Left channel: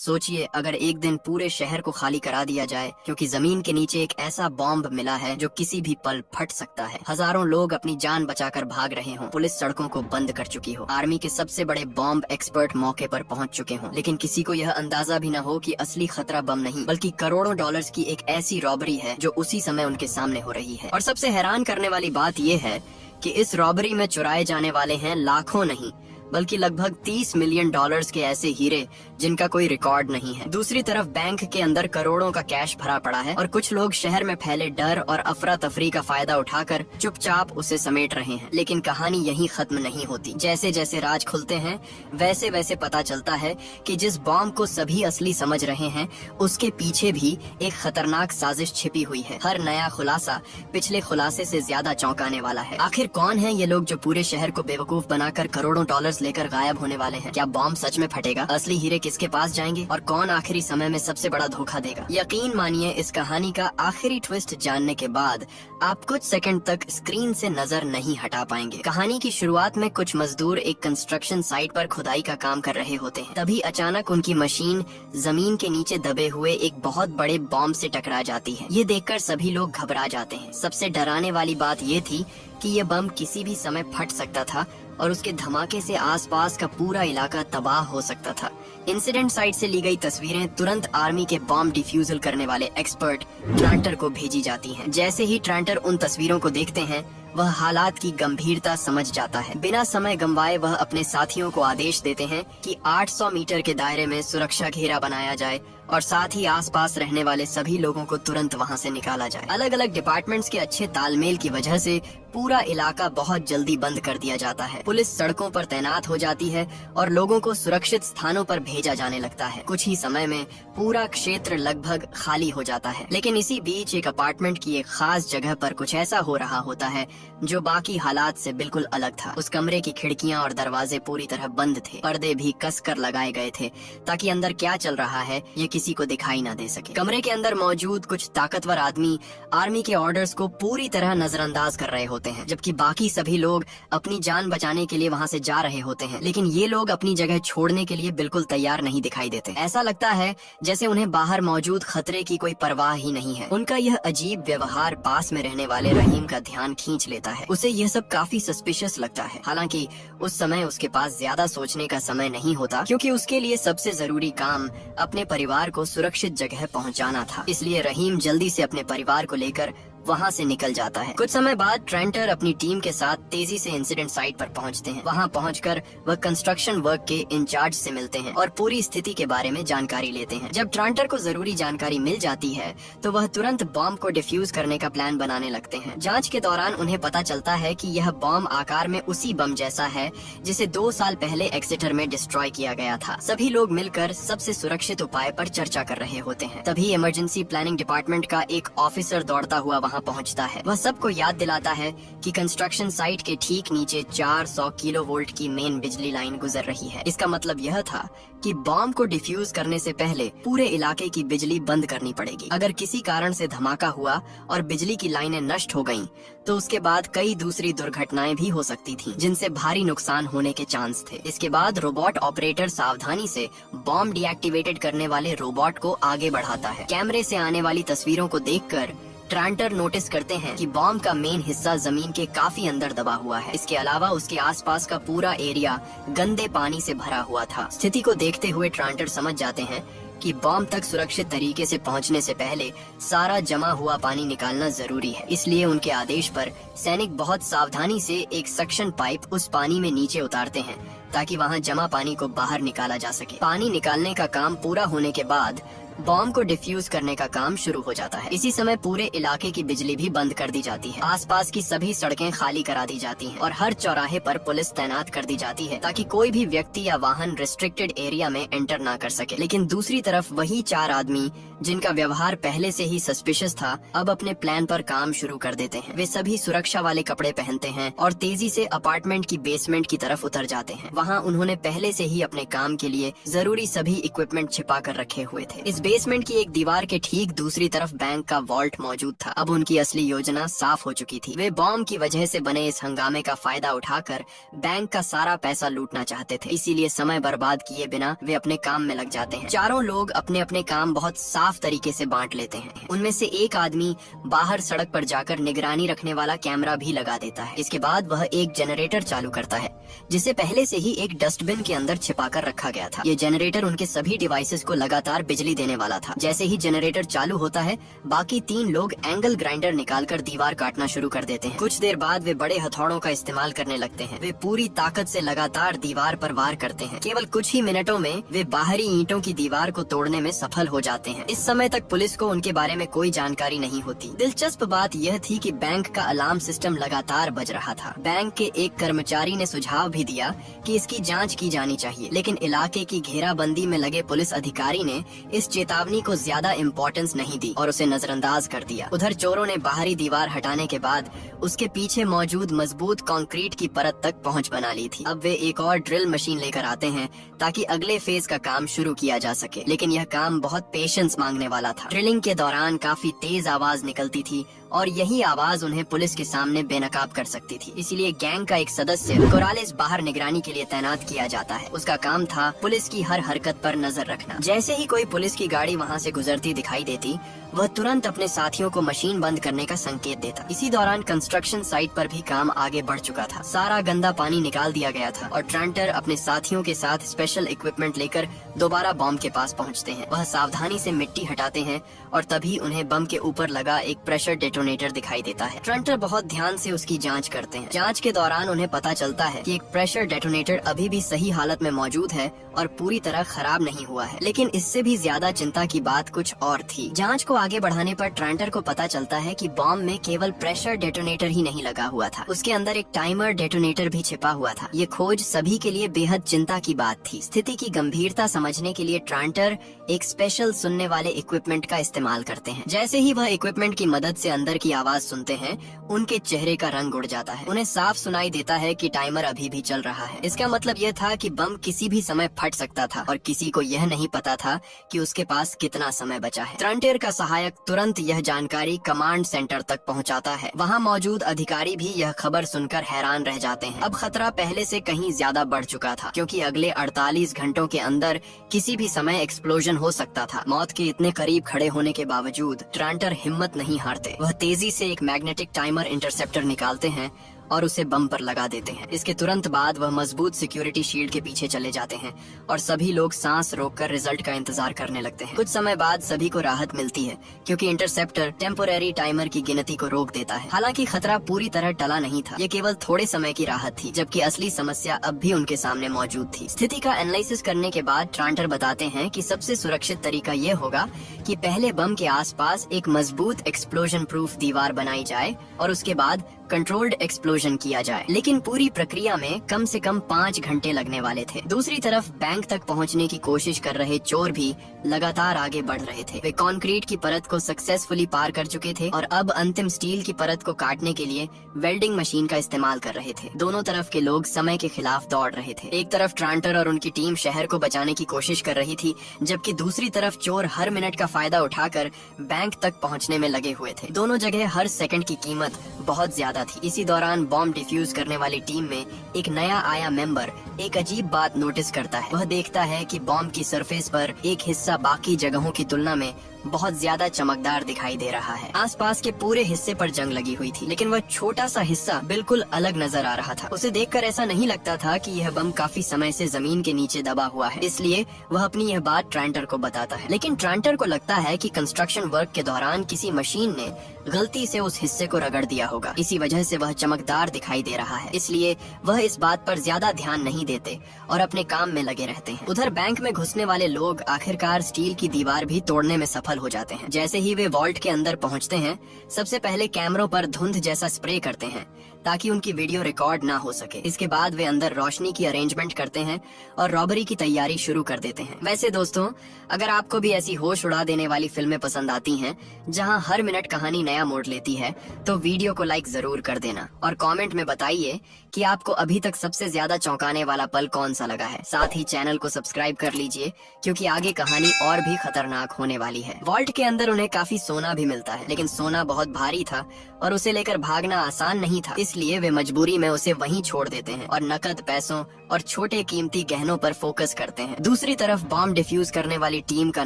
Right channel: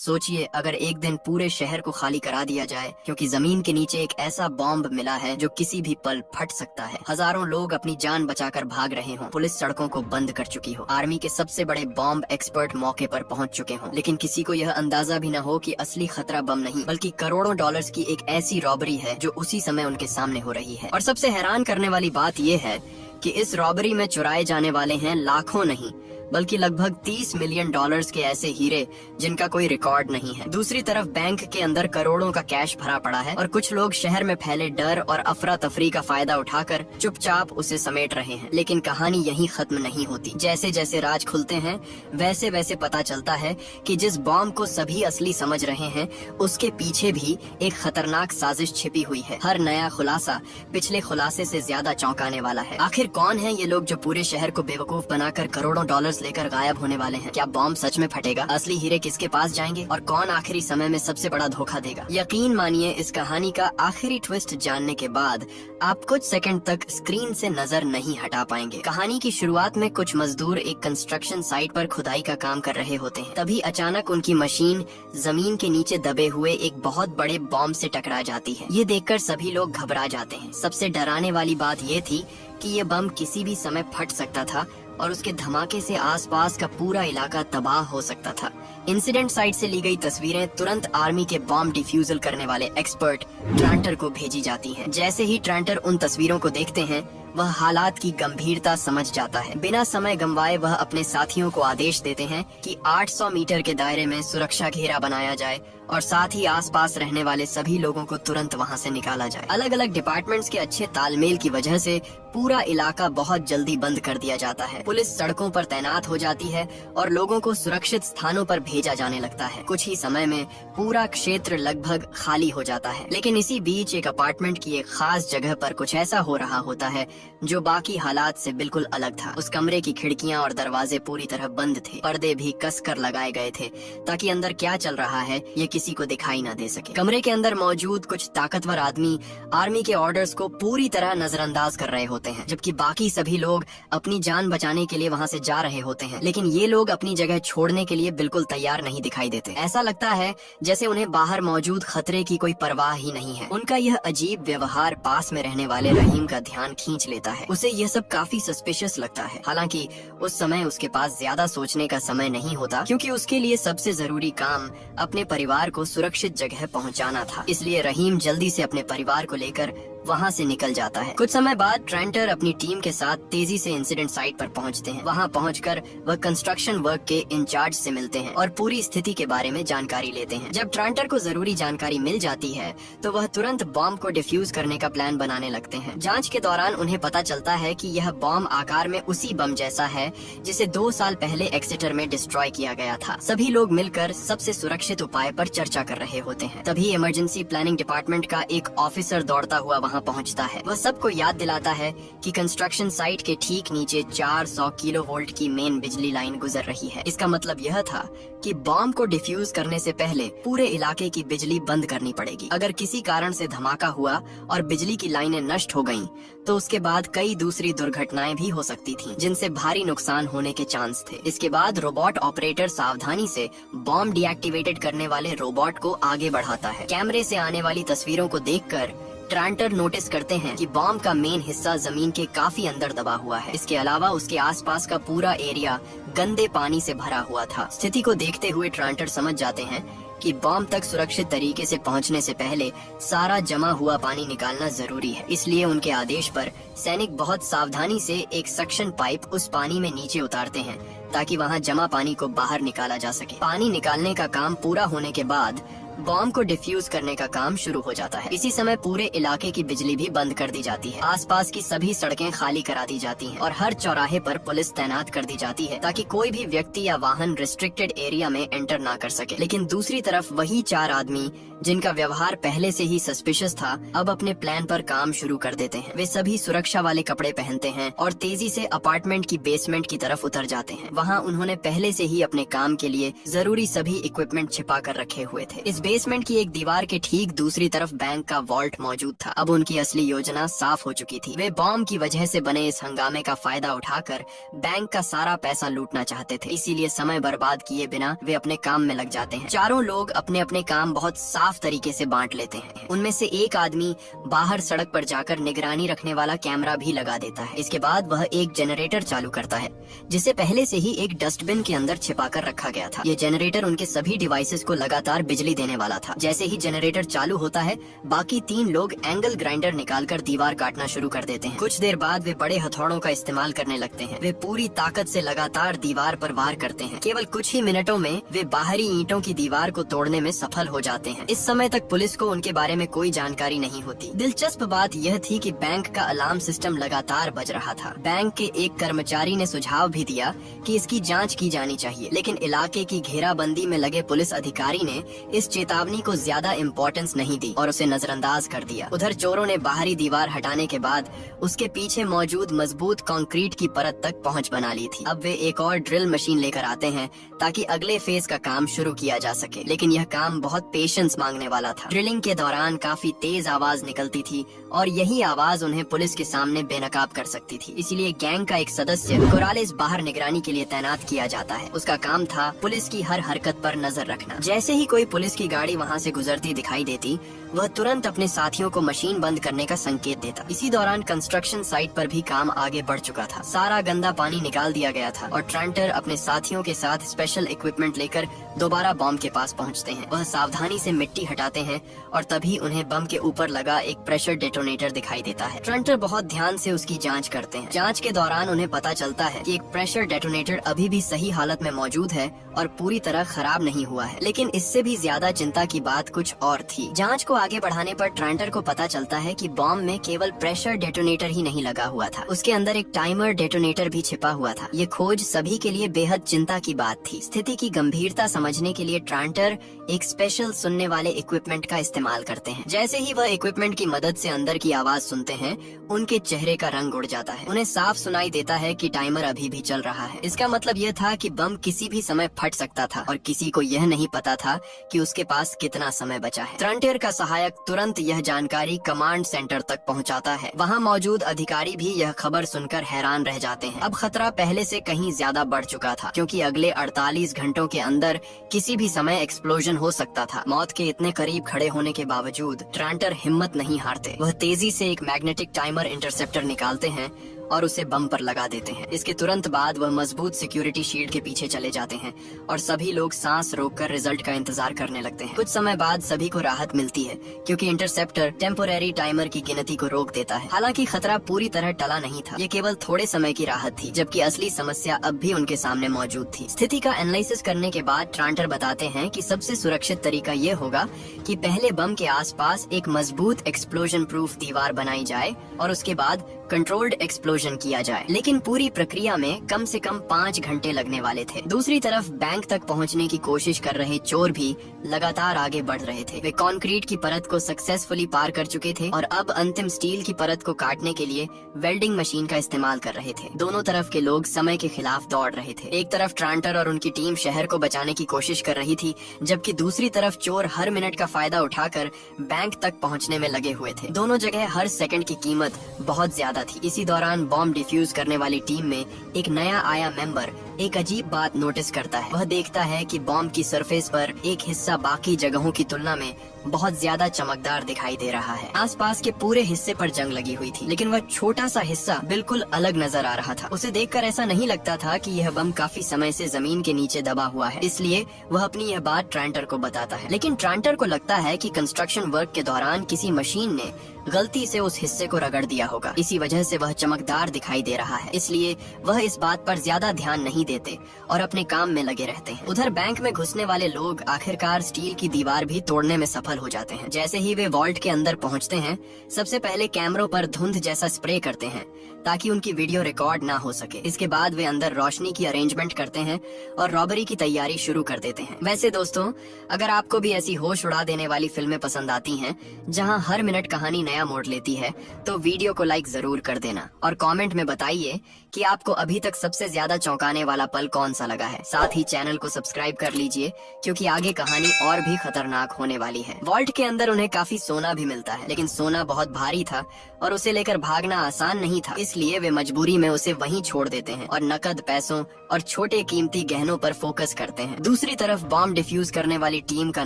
सोचिए अगर एक दिन पूरे शहर को खाली करा दिया जाए क्योंकि जमीन के नीचे एक ऐसा बॉम्ब मिला है जो किसी भी पल फट सकता है। हजारों लोग अपनी जान बचाकर भाग रहे हों, पुलिस सड़कों को बंद कर चुकी हो, आर्मी के सबसे बड़े बॉम्ब एक्सपर्ट मौके पर पहुंच चुके हों, लेकिन किसी को यह अंदाजा भी न हो कि असली खतरा बम नहीं बल्कि करोड़ों डॉलर्स की एक ऐसी रॉबरी है जो उसी समय उनके सामने हो रही है। और सबसे हैरान करने वाली बात यह है कि इस रॉबरी में चुराए जाने वाले हैं लाखों नहीं बल्कि लगभग 30 मिलियन डॉलर्स के ऐसे हीरे जिनका कोई रिकॉर्ड नहीं है। दूसरी तरफ बैंक के अंदर करोड़ों का कैश भरा पड़ा है और कुछ लोग शहर में फैले डर और अफरा तफरी का फायदा उठाकर चुपचाप उसे समेट रहे हैं। लेकिन कहानी यहीं खत्म नहीं होती। जैसे जैसे राज खुलते हैं वैसे वैसे पता चलता है कि जिस बॉम्ब को सभी असली समझ रहे हैं उसके पीछे भी एक खतरनाक साजिश छिपी हुई है। हर नया खुलासा पिछले खुलासे से ज्यादा चौंकाने वाला है। आखिर कौन है ये लोग जो पूरे शहर को बेवकूफ बनाकर करोड़ों डॉलर्स लेकर गायब होने वाले हैं? क्या बॉम्ब सच में फटेगा? असली हीरे किसके पास जाएंगे और कौन आखिरी समय में सबसे बड़ा धोखा देगा? यकीन मानिए इस कहानी का आखिरी ट्विस्ट जानने के बाद आप कुछ सेकंड तक स्क्रीन से नजर नहीं हटा पाएंगे। कहानी की शुरुआत में कुछ मजदूर एक कंस्ट्रक्शन साइट पर खुदाई का काम कर रहे होते हैं। तभी अचानक उनकी मशीन जमीन के नीचे दबे हुए एक बहुत बड़े बॉम्ब से टकरा जाती है। ये देखकर सभी लोग घबरा जाते हैं। सबसे डराने वाली बात ये थी कि ये बम किसी भी समय फट सकता था और उसके धमाके से आसपास का पूरा इलाका तबाह हो सकता था। इंसिडेंट साइट से ली गई तस्वीरें तुरंत आर्मी के बॉम्ब डिफ्यूजल करने वाले एक्सपर्ट ट्रांटर को भेजी जाती हैं। जैसे ही ट्रांटर उन तस्वीरों को देखते हैं वह हालात की गंभीरता समझ जाता है। बिना समय गंवाए वह अपने साथियों को आदेश देते हैं कि 800 मीटर के दायरे में सुरक्षा घेरा बनाया जाए और साथ ही आसपास रहने वाले सभी लोगों को तुरंत वहां से निकाला जाए। अलग अलग डिपार्टमेंट्स के अच्छे तालमेल की वजह से पूरा इलाका बहुत जल्दी बंद कर दिया जाता है। पुलिस सड़कों पर तैनात हो जाती है और लोगों को सुरक्षित स्थानों पर भेजा जाने लगता है। कुछ ही समय में पूरा क्षेत्र लगभग खाली हो जाता है। लेकिन इसी बीच एक अपार्टमेंट की एक खास जगह पर कुछ ऐसा हो रहा होता है जो बाकी हालात से बिल्कुल अलग था। उस कमरे की खिड़कियां और दरवाजे पूरी तरह बंद थे। पर्दे भी कसकर लगाए गए थे ताकि अंदर क्या चल रहा है ये किसी को दिखाई ना दे सके। कमरे के अंदर मौजूद कुछ ताकतवर आदमी आर्मी के ऑर्डर्स को पूरी तरह नजरअंदाज कर रहे होते हैं, जबकि बाकी सभी लोग अपनी जान बचाने के लिए वहां से जा रहे होते हैं। लेकिन ये लोग अपनी जगह छोड़ने के लिए बिल्कुल तैयार नहीं दिखाई देते। ऐसा लगता है जैसे उन्हें बाहर मौजूद खतरे की कोई परवाह ही नहीं है। उनका यह अजीब व्यवहार पास में रहने वाले रहीम का ध्यान खींच लेता है। उसे यह सब काफी सस्पिशियस लगता है। हालांकि उस समय उसके पास ज्यादा सोचने का समय नहीं होता क्योंकि उसके लिए सबसे जरूरी काम अपने परिवार को सुरक्षित जगह पहुंचाना था। इसलिए रहीम जल्दी से अपने परिवार को लेकर वहां से निकल जाता है। कुछ समय बाद ट्रेंटर अपनी टीम के साथ तेजी से इंसिडेंट साइट पर पहुंचते हैं। वहां पहुंचकर वह कंस्ट्रक्शन वर्क के इंचार्ज से मिलते हैं और पूरी स्थिति के बारे में जानकारी लेते हैं। जब ट्रांटर को जरूरी जानकारी मिल जाती है तो वह तुरंत बॉम्ब को डिफ्यूज करने का प्लान बनाने लगते हैं। जांच के दौरान उन्हें पता चलता है कि यह बॉम्ब आकार में उसी बम जैसा है जिसे 2 साल पहले एक्सेटर में डिस्ट्रॉय किया गया था। सभी लोग मिलकर सबसे सुरक्षित उपाय पर चर्चा कर रहे होते हैं। तभी इमरजेंसी प्लानिंग डिपार्टमेंट का एक ऑफिसर दौड़ता हुआ वहां पहुंचता है। वह सबको याद दिलाता है कि कंस्ट्रक्शन साइट के ठीक नीचे 400 किलोवोल्ट की मेन बिजली लाइन गुजर रही है। इसका मतलब यह था कि बॉम्ब को डिफ्यूज करने से पहले पूरे इलाके की बिजली बंद करनी पड़ेगी। अगर किसी कारण से धमाका हुआ और बिजली की लाइनें नष्ट हो गयीं, तो उसके बाद कई दूसरी दुर्घटनाएं भी हो सकती थीं, जिनसे भारी नुकसान होने के चांस थे। इसके बाद रोबोट ऑपरेटर सावधानी से बॉम्ब डीएक्टिवेटेड करने वाले रोबोट को आगे बढ़ाता है। कैमरे से आने वाली तस्वीरों को देखकर ट्रांटर नोटिस करते हैं कि बॉम्ब का मेन हिस्सा जमीन के काफी अंदर दबा हुआ है। इसके अलावा उसके आसपास का पूरा एरिया गंदे पानी से भरा हुआ था। स्थिति को देखते हुए ट्रांटर समझ जाते हैं कि बॉम्ब तक सुरक्षित तरीके से पहुंचने से पहले सारा जमा हुआ पानी निकालना जरूरी है। इसलिए उनके आदेश पर सैनिक बहुत सावधानी से एक सक्शन पाइप उस पानी में नीचे उतारते हैं ताकि वहां जमा पानी को बाहर निकाला जा सके। पानी निकालने का काम पूरा होने के बाद बॉम्ब को डिफ्यूज करने का काम शुरू हो जाता है। इसी समय पूरे इलाके की बिजली भी बंद कर दी जाती है। आसपास की सभी सड़कें खाली करा दी जाती हैं और हर चौराहे पर पुलिस तैनात कर दी जाती है ताकि कोई भी व्यक्ति या वाहन रिस्ट्रिक्टेड एरिया में एंटर ना कर सके। लेकिन दूसरी तरफ वही 4 आदमी जिनका व्यवहार पहले से ही सस्पिशियस था अब अपने प्लान पर काम शुरू कर देते हैं। वे सभी सुरक्षा वाले कपड़े पहनते हैं और तेजी से अपार्टमेंट की बेसमेंट की तरफ उतर जाते हैं। वहाँ उन्होंने पहले से ही अपने काम के लिए जरूरी सभी इक्विपमेंट छिपा कर रखे हुए थे। इस बेसमेंट की एक दीवार के ठीक दूसरी तरफ बैंक का वॉल्ट मौजूद था। अब उनकी असली योजना साफ हो चुकी थी। वे बॉम्ब की वजह से बने इस हंगामे का फायदा उठाकर बैंक का सारा पैसा लूटना चाहते थे। इसीलिए समय बर्बाद किए बिना वे अपने काम में लग जाते हैं। चारों लोग अपने अपने काम बहुत साफ तरीके से बांट लेते हैं। उनमें से एक आदमी बाहर सड़क पर जाकर निगरानी रखने वाला कैमरा भी लगा देता है। इसके बाद वह एक जनरेटर चालू करता है, जिसे पहले से ही एक डस्टबिन के अंदर छिपाकर रखा गया था। ये जनरेटर उनके सभी डिवाइसेस को लगातार बिजली देने वाला था। जैसे ही जनरेटर चालू होता है, बाकी 3 लोग एंगल ग्राइंडर निकालकर दीवार काटना शुरू कर देते हैं। कुछ देर बाद वे बड़े हथौड़ों का इस्तेमाल करने लगते हैं। वे पूरी ताकत से लगातार दीवार पर वार करते हैं। केवल कुछ ही मिनटों में वे बाहरी ईंटों की दीवार को तोड़ने में सफल हो जाते हैं। इस समय तक पुलिस को उनके बारे में कोई जानकारी नहीं होती। दिलचस्प बात यह थी कि बैंक का अलार्म सिस्टम लगातार बज रहा था। बैंक के एक कर्मचारी ने सुझाव भी दिया कि इसकी जांच की जानी चाहिए, लेकिन इलाके की घेराबंदी में लगे पुलिस अधिकारी ने इस चेतावनी को ज्यादा इम्पोर्टेंस नहीं दी और उसे नजरअंदाज कर दिया। उधर चोरों ने बाहरी दीवार हटाने के बाद उसके पीछे मौजूद मजबूत कंक्रीट की परत तक पहुंच बना ली थी। अब वे एक और ड्रिल मशीन लेकर आते हैं ताकि अगले फेज का काम शुरू किया जा सके, लेकिन यह काम बहुत पेशेंस मांगने वाला था। ड्रिलिंग के दौरान काफी तेज आवाज निकलती थी और यही आवाज उन्हें पुलिस के सामने बेनकाब कर सकती थी। इसीलिए गैंग का एक सदस्य कोरालेस बाहर निगरानी के लिए तैनात किया जाता है। उसका काम था पुलिस की हर हरकत पर नजर रखना। जैसे ही कोई पुलिस की गाड़ी वहाँ से गुजरती दिखाई देती, वह तुरंत अपने साथियों को मशीन बंद करने का संकेत देता। इसी दौरान कंस्ट्रक्शन साइट पर भी काम आगे बढ़ चुका था। सारा गंदा पानी निकाल दिया गया था और ट्रांटर अपने साथियों के साथ स्पेशल इक्विपमेंट लेकर दोबारा बॉम्ब के पास पहुंचते हैं। वह सावधानी से मिट्टी हटाते हैं और तभी उन्हें बम के ऊपर लगा एक प्रेशर डेटोनेटर दिखाई देता है। ट्रांटर बहुत ध्यान से उसकी जांच करते हैं। जांच के दौरान उन्हें पता चलता है कि एक प्रेशर डेटोनेटर अभी भी सही हालत में मौजूद है और पूरी तरह खराब नहीं हुआ है। लेकिन इससे भी ज्यादा चिंता की बात कुछ और थी। जांच को आगे बढ़ाने पर ट्रांटर को पता चलता है कि बॉम्ब में केवल प्रेशर डेटोनेटर ही नहीं लगा हुआ था, उसके अंदर एक टाइमर डेटोनेटर भी छिपा हुआ था। ये खोज सभी के लिए बेहद चिंता की बात थी। स्थिति की गंभीरता समझने के लिए ट्रांटर एक स्पेशल सुनने वाले इक्विपमेंट का इस्तेमाल करते हैं। जैसे ही वह इक्विपमेंट की मदद से अंदर की आवाज सुनते हैं, उनके चेहरे का रंग उड़ जाता है। उन्हें साफ सुनाई देता है कि टाइमर अभी भी चल रहा है। इसका मतलब यह था कि बम किसी भी समय फट सकता था और किसी को यह नहीं पता था कि उसके पास कितना समय बचा है। ट्रांटर का सहायक तुरंत यह जानकारी कमांड सेंटर तक पहुंचाता है। वहां मौजूद अधिकारी भी यह खबर सुनकर हैरान रह जाते हैं। अब खतरा पहले से कहीं ज्यादा बढ़ चुका था, क्योंकि अगले 48 घंटों के अंदर किसी भी समय एक्सप्लोजन हो सकता था। मौत के इतने करीब खड़े होने के बावजूद ट्रांटर हिम्मत नहीं हारते। वह तेजी से एक मैग्नेटिक टाइमर इंटरसेप्टर निकालते हैं और उसे बम पर लगा देते हैं। इसके तुरंत बाद वह मजबूत सिक्योरिटी शील्ड के पीछे चले जाते हैं और सभी लोग सांस रोककर रिजल्ट का इंतजार करने लगते हैं। कुछ समय बाद सभी को राहत मिलती है, क्योंकि इंटरसेप्टर टेम्पोरेरी टाइमर की गिनती को रोक देता है। हालांकि खतरा पूरी तरह टला नहीं था, ये केवल थोड़े समय की राहत थी, जबकि असली समस्या अब भी उनके सामने मौजूद थी। स्थिति का एनालिसिस करने के बाद ट्रांटर बताते हैं कि सबसे सुरक्षित तरीका ये होगा कि पहले बम के आसपास एक मजबूत एक्सप्लोजन प्रूफ दीवार बनाई जाए और उसके बाद कंट्रोल्ड एक्सप्लोजन किया जाए। लेकिन पूरी प्रक्रिया में कम से कम 5 घंटे लगने वाले थे। दूसरी तरफ बैंक तक पहुंचने की कोशिश कर रहे चोर भी लगातार आगे बढ़ रहे थे। वे कंक्रीट की परत को सक्सेसफुली पार कर चुके थे और अब अंतिम स्टील की परत को काटने के लिए वेल्डिंग मशीन का इस्तेमाल कर रहे थे। दोनों तरफ के लोग समय के खिलाफ दौड़ रहे थे। एक तरफ ट्रांटर और उनकी टीम शहर को बचाने की कोशिश कर रही थी, जबकि दूसरी तरफ चोर हर मिनट का फायदा उठाकर बैंक तक पहुंचने में लगे हुए थे। दोनों जगह हर सेकंड की कीमत बहुत ज्यादा थी। इसी दौरान बॉम्ब डिफ्यूज करने वाली टीम में एक नया आया मेंबर एक अजीब बात नोटिस करता है। वह देखता है कि बॉम्ब की सरफेस पर एक हिस्सा बाकी जगहों की तुलना में बहुत ज्यादा चमकदार दिखाई दे रहा है। आसपास के पूरे हिस्से पर जंग लगी हुई थी, लेकिन वह छोटा सा हिस्सा बिल्कुल अलग नजर आ रहा था। उसे देखकर ऐसा नहीं लगता था कि यह बम काफी समय से जमीन के नीचे दबा हुआ है, इसलिए वह अपनी यह बात ट्रांटर को बताता है। लेकिन ट्रांटर को लगता है कि कंस्ट्रक्शन वर्क के दौरान किसी मशीन ने गलती से उस हिस्से को रगड़ दिया होगा, इसी वजह से वह चमकदार दिखाई दे रहा है। इसलिए वह इस बात पर ज्यादा ध्यान नहीं देते और अपने काम में लगे रहते हैं। उधर बैंक में घुसने वाले लोग आखिरकार स्टील की दीवार भी तोड़ने में सफल हो जाते हैं। जैसे ही वे वॉल्ट के अंदर पहुंचते हैं, सबसे पहले कैमरों पर धुंध जैसा स्प्रे करते हैं ताकि उनकी वीडियो रिकॉर्ड ना हो सके। इसके बाद वे अंदर रोशनी की अरेंजमेंट करते हैं और रॉबरी की तैयारी शुरू कर देते हैं। वैसे दोस्तों, अगर आपको भी ऐसी होश उड़ा देने वाली फिल्में पसंद आती हैं, जहां हर मिनट कहानी नया मोड़ लेती है, तो वीडियो को लाइक जरूर कर देना और कमेंट में बताइए कि आपको अभी तक सबसे ज्यादा चौंकाने वाला वाला पल कौन सा लगा है। साथ ही चैनल को सब्सक्राइब कर लीजिए क्योंकि आगे कहानी और भी खतरनाक होने वाली है। वॉल्ट के अंदर उन्हें काफी सोना भी मिलता है, लेकिन सोना बहुत भारी था और उसे लेकर भागना आसान नहीं था, इसलिए वे मजबूरी में उसे वहीं छोड़ देते हैं और नकद पैसों और छोटे कीमती गहनों पर फोकस करते हैं। दूसरी तरफ बॉम्ब डिफ्यूज करने वाली टीम का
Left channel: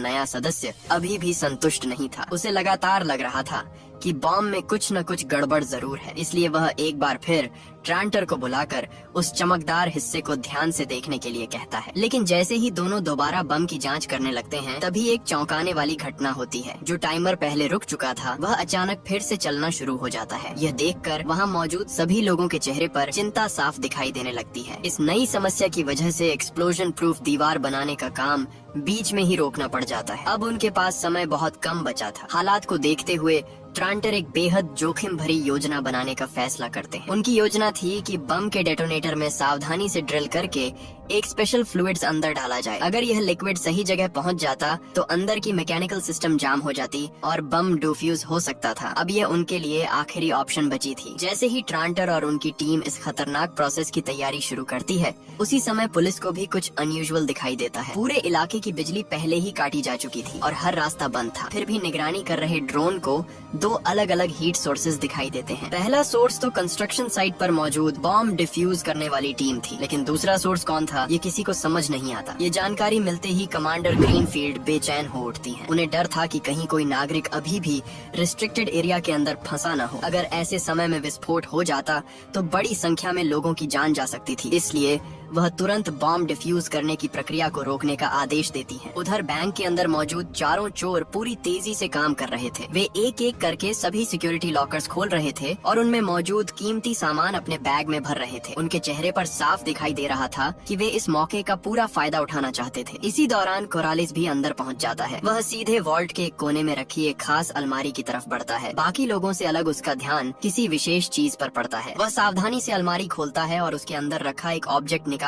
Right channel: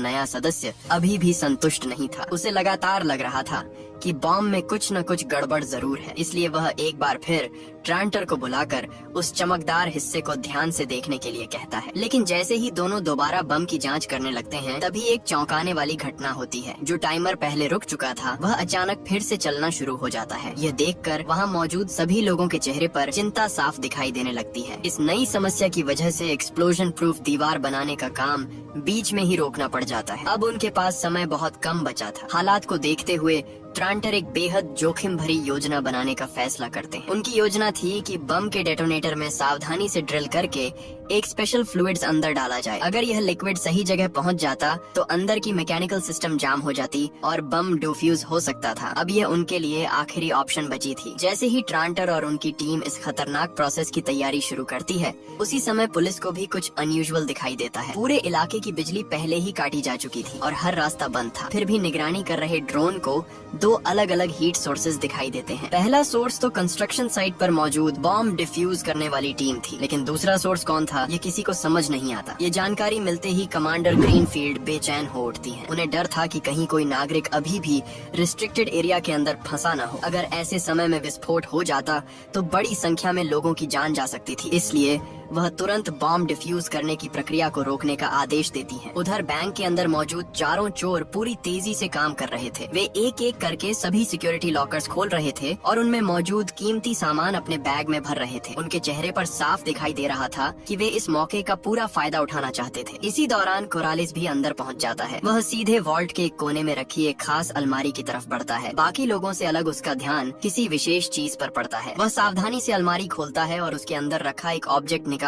नया सदस्य अभी भी संतुष्ट नहीं था। उसे लगातार लग रहा था कि बॉम्ब में कुछ न कुछ गड़बड़ जरूर है, इसलिए वह एक बार फिर ट्रांटर को बुलाकर उस चमकदार हिस्से को ध्यान से देखने के लिए कहता है। लेकिन जैसे ही दोनों दोबारा बम की जांच करने लगते हैं, तभी एक चौंकाने वाली घटना होती है। जो टाइमर पहले रुक चुका था वह अचानक फिर से चलना शुरू हो जाता है। यह देखकर वहां मौजूद सभी लोगों के चेहरे पर चिंता साफ दिखाई देने लगती है। इस नई समस्या की वजह से एक्सप्लोजन प्रूफ दीवार बनाने का काम बीच में ही रोकना पड़ जाता है। अब उनके पास समय बहुत कम बचा था। हालात को देखते हुए ट्रांटर एक बेहद जोखिम भरी योजना बनाने का फैसला करते हैं। उनकी योजना थी कि बम के डेटोनेटर में सावधानी से ड्रिल करके एक स्पेशल फ्लूइड्स अंदर डाला जाए। अगर यह लिक्विड सही जगह पहुंच जाता तो अंदर की मैकेनिकल सिस्टम जाम हो जाती और बम डिफ्यूज हो सकता था। अब यह उनके लिए आखिरी ऑप्शन बची थी। जैसे ही ट्रांटर और उनकी टीम इस खतरनाक प्रोसेस की तैयारी शुरू करती है, उसी समय पुलिस को भी कुछ अनयूजुअल दिखाई देता है। पूरे इलाके की बिजली पहले ही काटी जा चुकी थी और हर रास्ता बंद था। फिर भी निगरानी कर रहे ड्रोन को दो अलग अलग हीट सोर्सेज दिखाई देते हैं। पहला सोर्स तो कंस्ट्रक्शन साइट पर मौजूद बॉम्ब डिफ्यूज करने वाली टीम थी, लेकिन दूसरा सोर्स कौन था ये किसी को समझ नहीं आता। ये जानकारी मिलते ही कमांडर ग्रीनफील्ड बेचैन हो उठती हैं। उन्हें डर था कि कहीं कोई नागरिक अभी भी रिस्ट्रिक्टेड एरिया के अंदर फंसा न हो। अगर ऐसे समय में विस्फोट हो जाता तो बड़ी संख्या में लोगों की जान जा सकती थी, इसलिए वह तुरंत बॉम्ब डिफ्यूज करने की प्रक्रिया को रोकने का आदेश देती है। उधर बैंक के अंदर मौजूद चारों चोर पूरी तेजी से काम कर रहे थे। वे एक एक करके सभी सिक्योरिटी लॉकर्स खोल रहे थे और उनमें मौजूद कीमती सामान अपने बैग में भर रहे थे। उनके चेहरे पर साफ दिखाई दे रहा था कि वे इस मौके का पूरा फायदा उठाना चाहते थे। इसी दौरान कोरालिस भी अंदर पहुंच जाता है। वह सीधे वॉल्ट के एक कोने में रखी एक खास अलमारी की तरफ बढ़ता है। बाकी लोगों से अलग उसका ध्यान किसी विशेष चीज पर पड़ता है। वह सावधानी से अलमारी खोलता है और उसके अंदर रखा एक ऑब्जेक्ट निकालकर